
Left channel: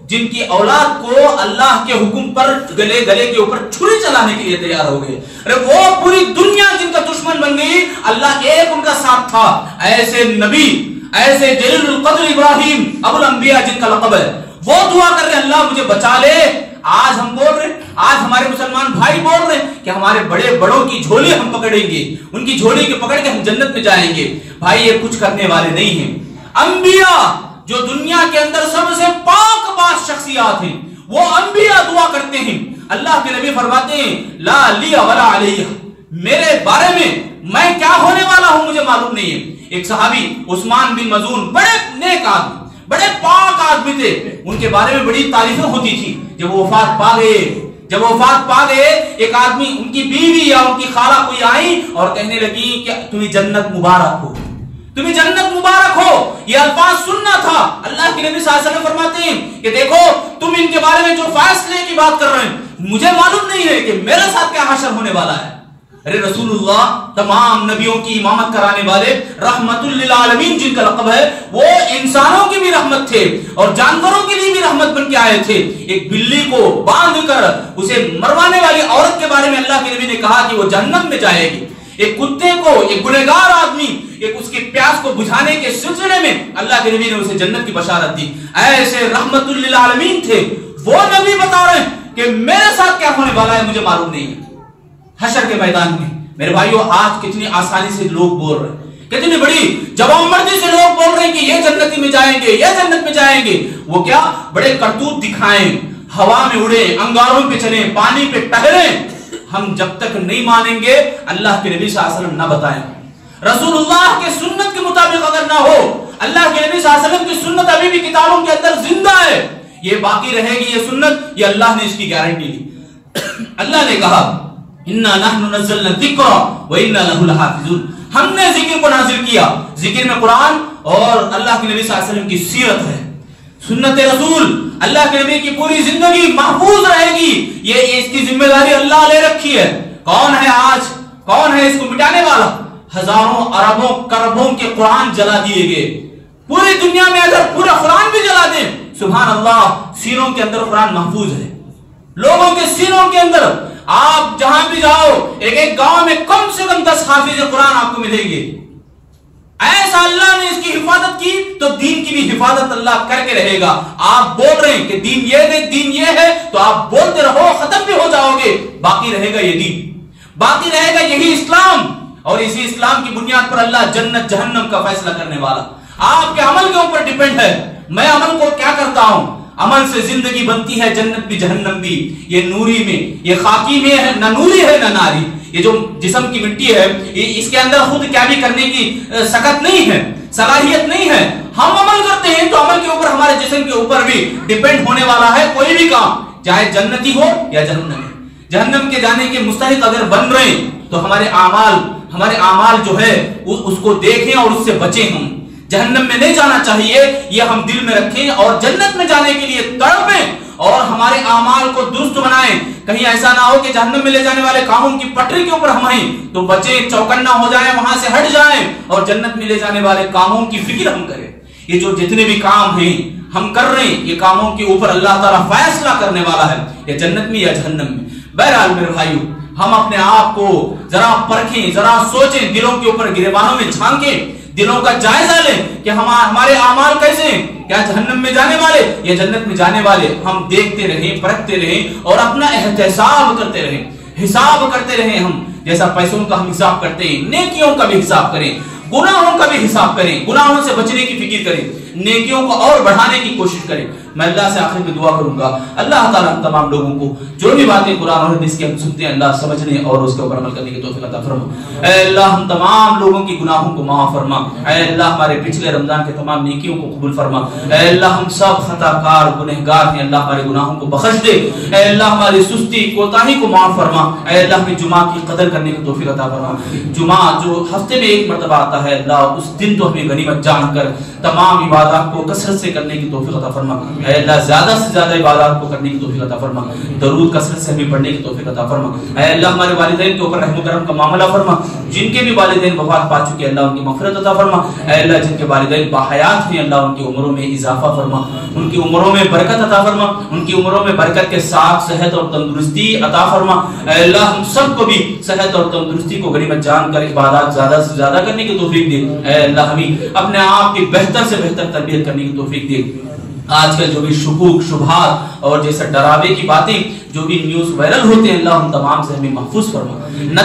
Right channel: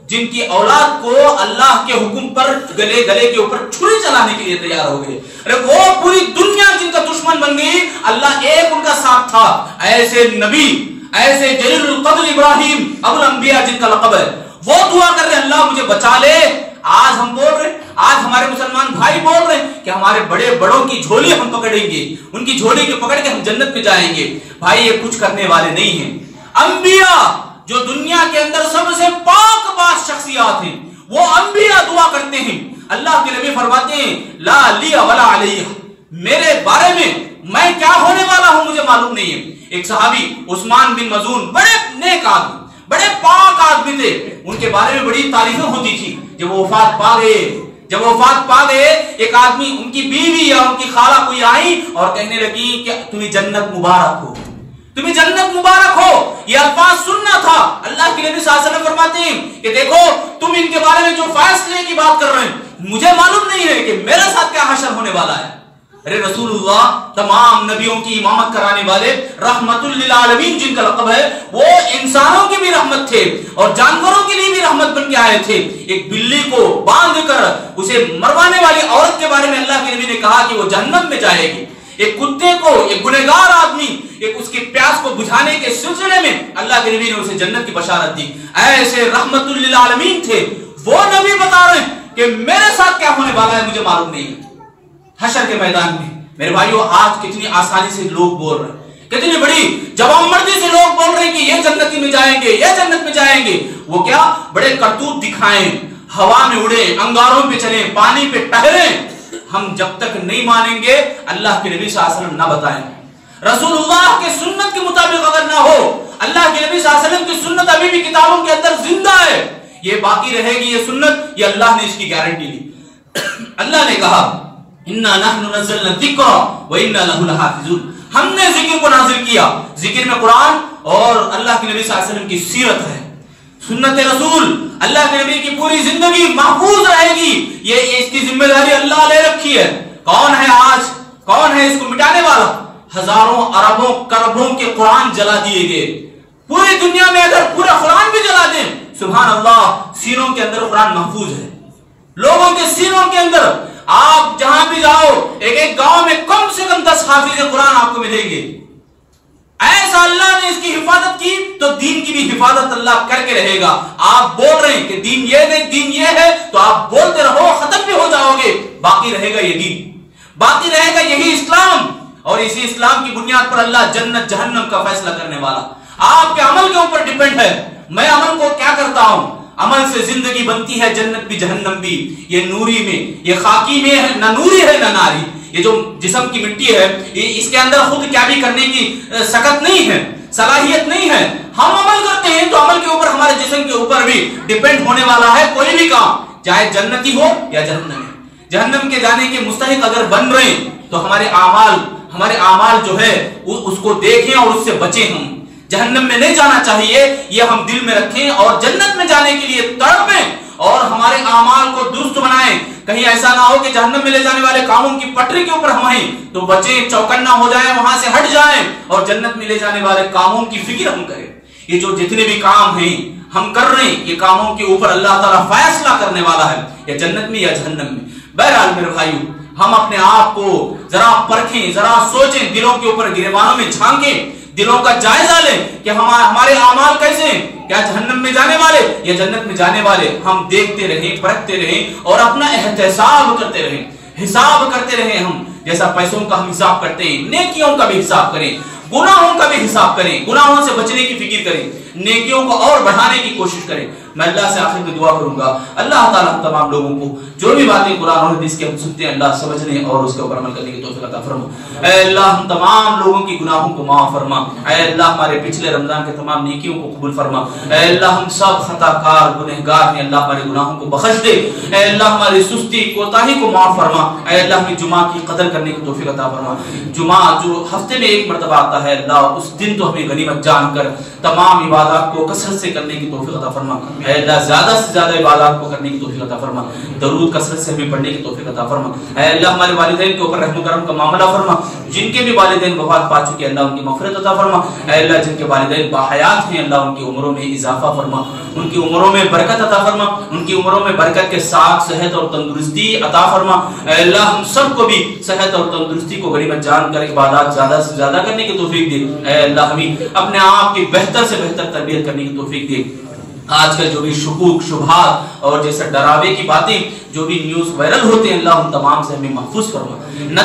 جن کی اولاد کو اللہ کے حکم پر گلے کے اوپر چھری چلانے کے لیے تیار ہو گئے، ارے وہ پوری دنیا جن کا دشمن بن گئی، اللہ ایک ان کا ساتھ تھا۔ ایسے نبی، ایسے جلیل القدر ابراہیم ابو الانبیاء جن کا لقب ہے، وہ دعا کر رہے اللہ مجھے بچا لے۔ آج ہم بول رہے ہیں، آج ہمارے مسلمان بھائی بول رہے ہیں کہ ہمارے بڑوں کی جھولی ہم پکڑیں گے، ان کی جھولی کے پکڑ کے ہم جنت میں جائیں گے۔ بھائی یہ کچھ کرنے والے نہیں ہیں۔ انبیاء جو دنیا کے اندر سب سے پاک شخصیات ہیں، وہ انبیاء دعا کرتے ہیں۔ اللہ کے نبی فرماتے ہیں لا لی ولا علیہ، میرے بارے میں کیا ہونے والا ہوں مجھے معلوم نہیں ہے۔ ایک صحابی عثمان بن مظعون، بڑے نیک آدمی، بڑے پاک آدمی تھے، ان کے بارے میں بڑی تعریفیں ہوتی تھی۔ جب وہ وفات پا گئے ایک آدمی، ان کی بیوی یا ان کی خالہ کوئی آئی اور کہنے لگی کہ تمہیں جنت مبارک ہو، تمہیں جنت مبارک ہو۔ یہ الفاظ سننا تھا۔ اللہ کے نبی صلی اللہ علیہ وسلم فرماتے ہیں کہ دیکھو تم ان کے بارے میں جو فیصلے کی بات کر رہے ہیں مجھے معلوم نہیں ہے کہ میرے ساتھ کیا حشر ہونے والا ہے۔ ارے رسول اللہ تمام نبیوں کی امامت کرانے والے، رحمت للعالمین جن کا لقب ہے، وہ انسانوں کی بھی رحمت تھے اور جانوروں کے لیے بھی رحمت بن کے آئے تھے۔ ایک بلی کو باندھ کر اسے مروانے والی عورت کے بارے میں اللہ کے نبی نے کہا کہ وہ جہنم میں جائے گی۔ ایک کتے کو، ایک گنہگار آدمی، ایک اس کی پیاس کو بجھانے کے سلسلے میں اللہ کے نبی نے اسے جنت کی بشارت دی۔ ایسے رحمت للعالمین تھے، وہ نبی بتا رہے ہیں کہ میرے ساتھ کیا ہونے والا ہے مجھے معلوم نہیں ہے۔ حشر کے میدان میں میرے بھائیوں آج کتنی آسانی سے لوگ بول رہے ہیں، کتنی بڑی جوان مردی سے لوگ بول رہے ہیں کہ یہ جنتی میں جائیں گے، یہ جنت میں جائیں گے. وہ کیا بڑے کرتوت دکھائیں، ہوا میں اڑے، انگاروں پہ چلیں، پانی پہ ٹہریں. ہم جب تک نہیں مانیں گے اللہ کے نبی صلی اللہ علیہ وسلم نہ بتائیں. رسول اللہ کے سنت کے مطابق اگر نہ ہو، اللہ کے نبی صلی اللہ علیہ وسلم کی سنت ابھی بھی کتابوں کے اندر زندہ ہے، یہ باقی رہے گی یہ سنت، یہ اللہ نے اس کی گارنٹی لی. اللہ نے کہا اِنَّا نَحْنُ نَزَّلْنَا الذِّكْرَ وَإِنَّا لَهُ لَحَافِظُونَ. ہم نے ذکر کو نازل کیا. ذکر میں قرآن اور اللہ کے نبی صلی اللہ علیہ وسلم کی سیرت ہے، سنت رسول. اللہ کے نبی کی پوری زندگی محفوظ رہے گی، یہ اس کی ذمہ داری اللہ لے رکھی ہے. کون ہے آج، کون ہے اس کو مٹانے والا؟ ہزاروں اربوں کربوں کے قرآن جلا دیے گئے. پوری دنیا میں اگر پورا قرآن بھی جلا دیں، سبحان اللہ، سینوں کے اندر قرآن محفوظ ہے. لوگوں کے سینوں کے اندر آپ جہاں بھی جاؤ، ایک ایک گاؤں میں کم سے کم 10 حافظ قرآن آپ کو ملیں گے. ایسا اللہ نے اس کی حفاظت کی تو دین کی بھی حفاظت اللہ کر کے رہے گا. آپ بول رہے ہیں کہ دین یہ نہیں، دین یہ ہے، تو آپ بولتے رہو، ختم بھی ہو جاؤ گے. باقی رہے گا یہ دین، باقی رہے گا یہی اسلام، اور اسی اسلام کی بنیاد پر اللہ جنت جہنم کا فیصلہ کرنے والا. آپ کے عمل کے اوپر ڈیپینڈ ہے. میں عمل کو کیا کرتا ہوں، عمل سے زندگی بنتی ہے، جنت بھی جہنم بھی. یہ نوری میں، یہ خاکی میں ہے، نہ نوری ہے نہ ناری. یہ جو جسم کی مٹی ہے، اس کے اندر خود کیا بھی کرنے کی سکت نہیں ہے، صلاحیت نہیں ہے. ہم عمل کرتے ہیں تو عمل کے اوپر، ہمارے جسم کے اوپر بھی ڈیپینڈ ہونے والا ہے کوئی بھی کام، چاہے جنتی ہو یا جہنمی. جہنم کے جانے کے مستحق اگر بن رہے ہیں تو ہمارے اعمال جو ہے اس کو دیکھیں اور اس سے بچیں. ہم جہنم میں نہیں جانا چاہیے، یہ ہم دل میں رکھیں اور جنت میں جانے کے لیے تڑپیں اور ہمارے اعمال کو درست بنائیں. کہیں ایسا نہ ہو کہ جہنم میں لے جانے والے کاموں کی پٹری کے اوپر ہم آئیں تو بچیں، چوکنا ہو جائیں، وہاں سے ہٹ جائیں، اور جنت میں لے جانے والے کاموں کی فکر ہم کریں. یہ جو جتنے بھی کام ہیں ہم کر رہے ہیں، یہ کاموں کے اوپر اللہ تعالیٰ فیصلہ کرنے والا ہے، یا جنت میں یا جہنم میں. بہرحال میرے بھائیو، ہم اپنے آپ کو ذرا پرکھیں، ذرا سوچیں، دلوں کے اوپر گریبانوں میں جھانکیں، دلوں کا جائزہ لیں کہ ہمارے اعمال کیسے ہیں، کیا جہنم میں جانے والے یا جنت میں جانے والے. ہم دیکھتے رہیں، پرکھتے رہیں اور اپنا احتساب کرتے رہیں، حساب کرتے رہیں. ہم جیسا پیسوں کا ہم حساب کرتے ہیں، نیکیوں کا بھی حساب کریں، گناہوں کا بھی حساب کریں، گناہوں سے بچنے کی فکر کریں، نیکیوں کو اور بڑھانے کی کوشش کریں. میں اللہ سے آخر میں دعا کروں گا، اللہ تعالیٰ ہم تمام لوگوں کو جو بھی باتیں قرآن اور حدیث کی ہم سنتے ہیں، اللہ سمجھنے اور اس کے اوپر عمل کرنے کی توفیق عطا فرما. اے اللہ ہم تمام لوگوں کی گناہوں کو معاف فرما. اے اللہ ہمارے پچھلے رمضان کے تمام نیکیوں کو قبول فرما. اے اللہ ہم سب خطا کار گنہگار ہیں، اللہ ہمارے گناہوں کو بخش دے. اے اللہ ہماری سستی کوتاہی کو معاف فرما. اے اللہ ہمیں جمعہ کی قدر کرنے کی توفیق عطا فرما. جمعہ جو ہفتے میں ایک مرتبہ آتا ہے، اللہ اس دن تو ہمیں غنیمت جان کر تمام عبادات کو کثرت سے کرنے کی توفیق عطا فرما. اے اللہ زیادہ سے زیادہ عبادات کو کرنے کی توفیق عطا فرما. درود کثرت سے ہمیں پڑھنے کی توفیق عطا فرما. اے اللہ ہمارے والدین کے اوپر رحم و کرم کا معاملہ فرما. جن کے بھی والدین وفات پا چکے اللہ ان کی مغفرت عطا فرما. اے اللہ جن کے والدین باحیات ہیں اللہ ان کی عمروں میں اضافہ فرما، ان کی عمروں میں برکت عطا فرما، ان کی عمروں میں برکت کے ساتھ صحت اور تندرستی عطا فرما. اے اللہ ہم سب کو بھی صحت اور تندرستی کو غنیمت جان کر عبادات زیادہ سے زیادہ کرنے کی توفیق دے. اے اللہ ہمیں اپنے آپ کی بہتر سے بہتر تربیت کرنے کی توفیق دے. آج کل جو بھی شکوک شبہات اور جیسے ڈراوے کی باتیں جو بھی نیوز وائرل ہوتے ہیں، اللہ ہم تمام سے ہمیں محفوظ فرما.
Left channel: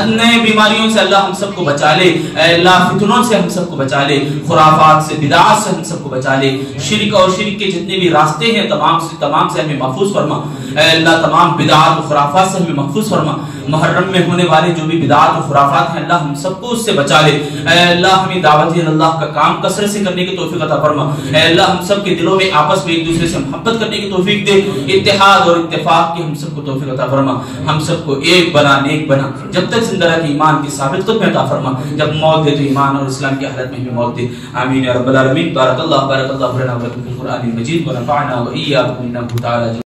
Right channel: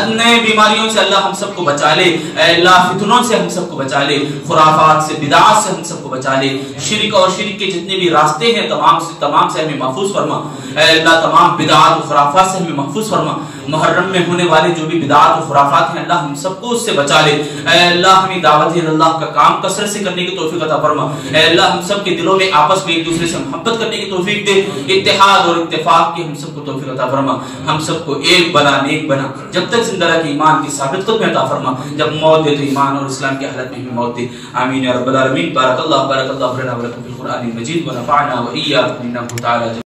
نئے بیماریوں سے اللہ ہم سب کو بچا لے. اے اللہ فتنوں سے ہم سب کو بچا لے، خرافات سے، بدعات سے ہم سب کو بچا لے. شرک اور شرک کے جتنے بھی راستے ہیں تمام سے ہمیں محفوظ فرما. اے اللہ تمام بدعات و خرافات سے ہمیں محفوظ فرما. محرم میں ہونے والے جو بھی بدعات و خرافات ہیں اللہ ہم سب کو اس سے بچا لے. اے اللہ ہمیں دعوت اللہ کا کام کثرت سے کرنے کی توفیق عطا فرما. اے اللہ ہم سب کے دلوں میں آپس میں ایک دوسرے سے محبت کرنے کی توفیق دے، اتحاد اور اتفاق کی ہم سب کو توفیق عطا فرما. ہم سب کو ایک بنا، نیک بنا، جب تک زندہ رکھ ایمان کی ثابت قدمی عطا فرما. جب موت دے تو ایمان اور اسلام کی حالت میں ہمیں موت دے. آمین یا رب العالمین. بارک اللہ لنا ولکم فی القرآن المجید ونفعنا وإیاکم انہ تعالی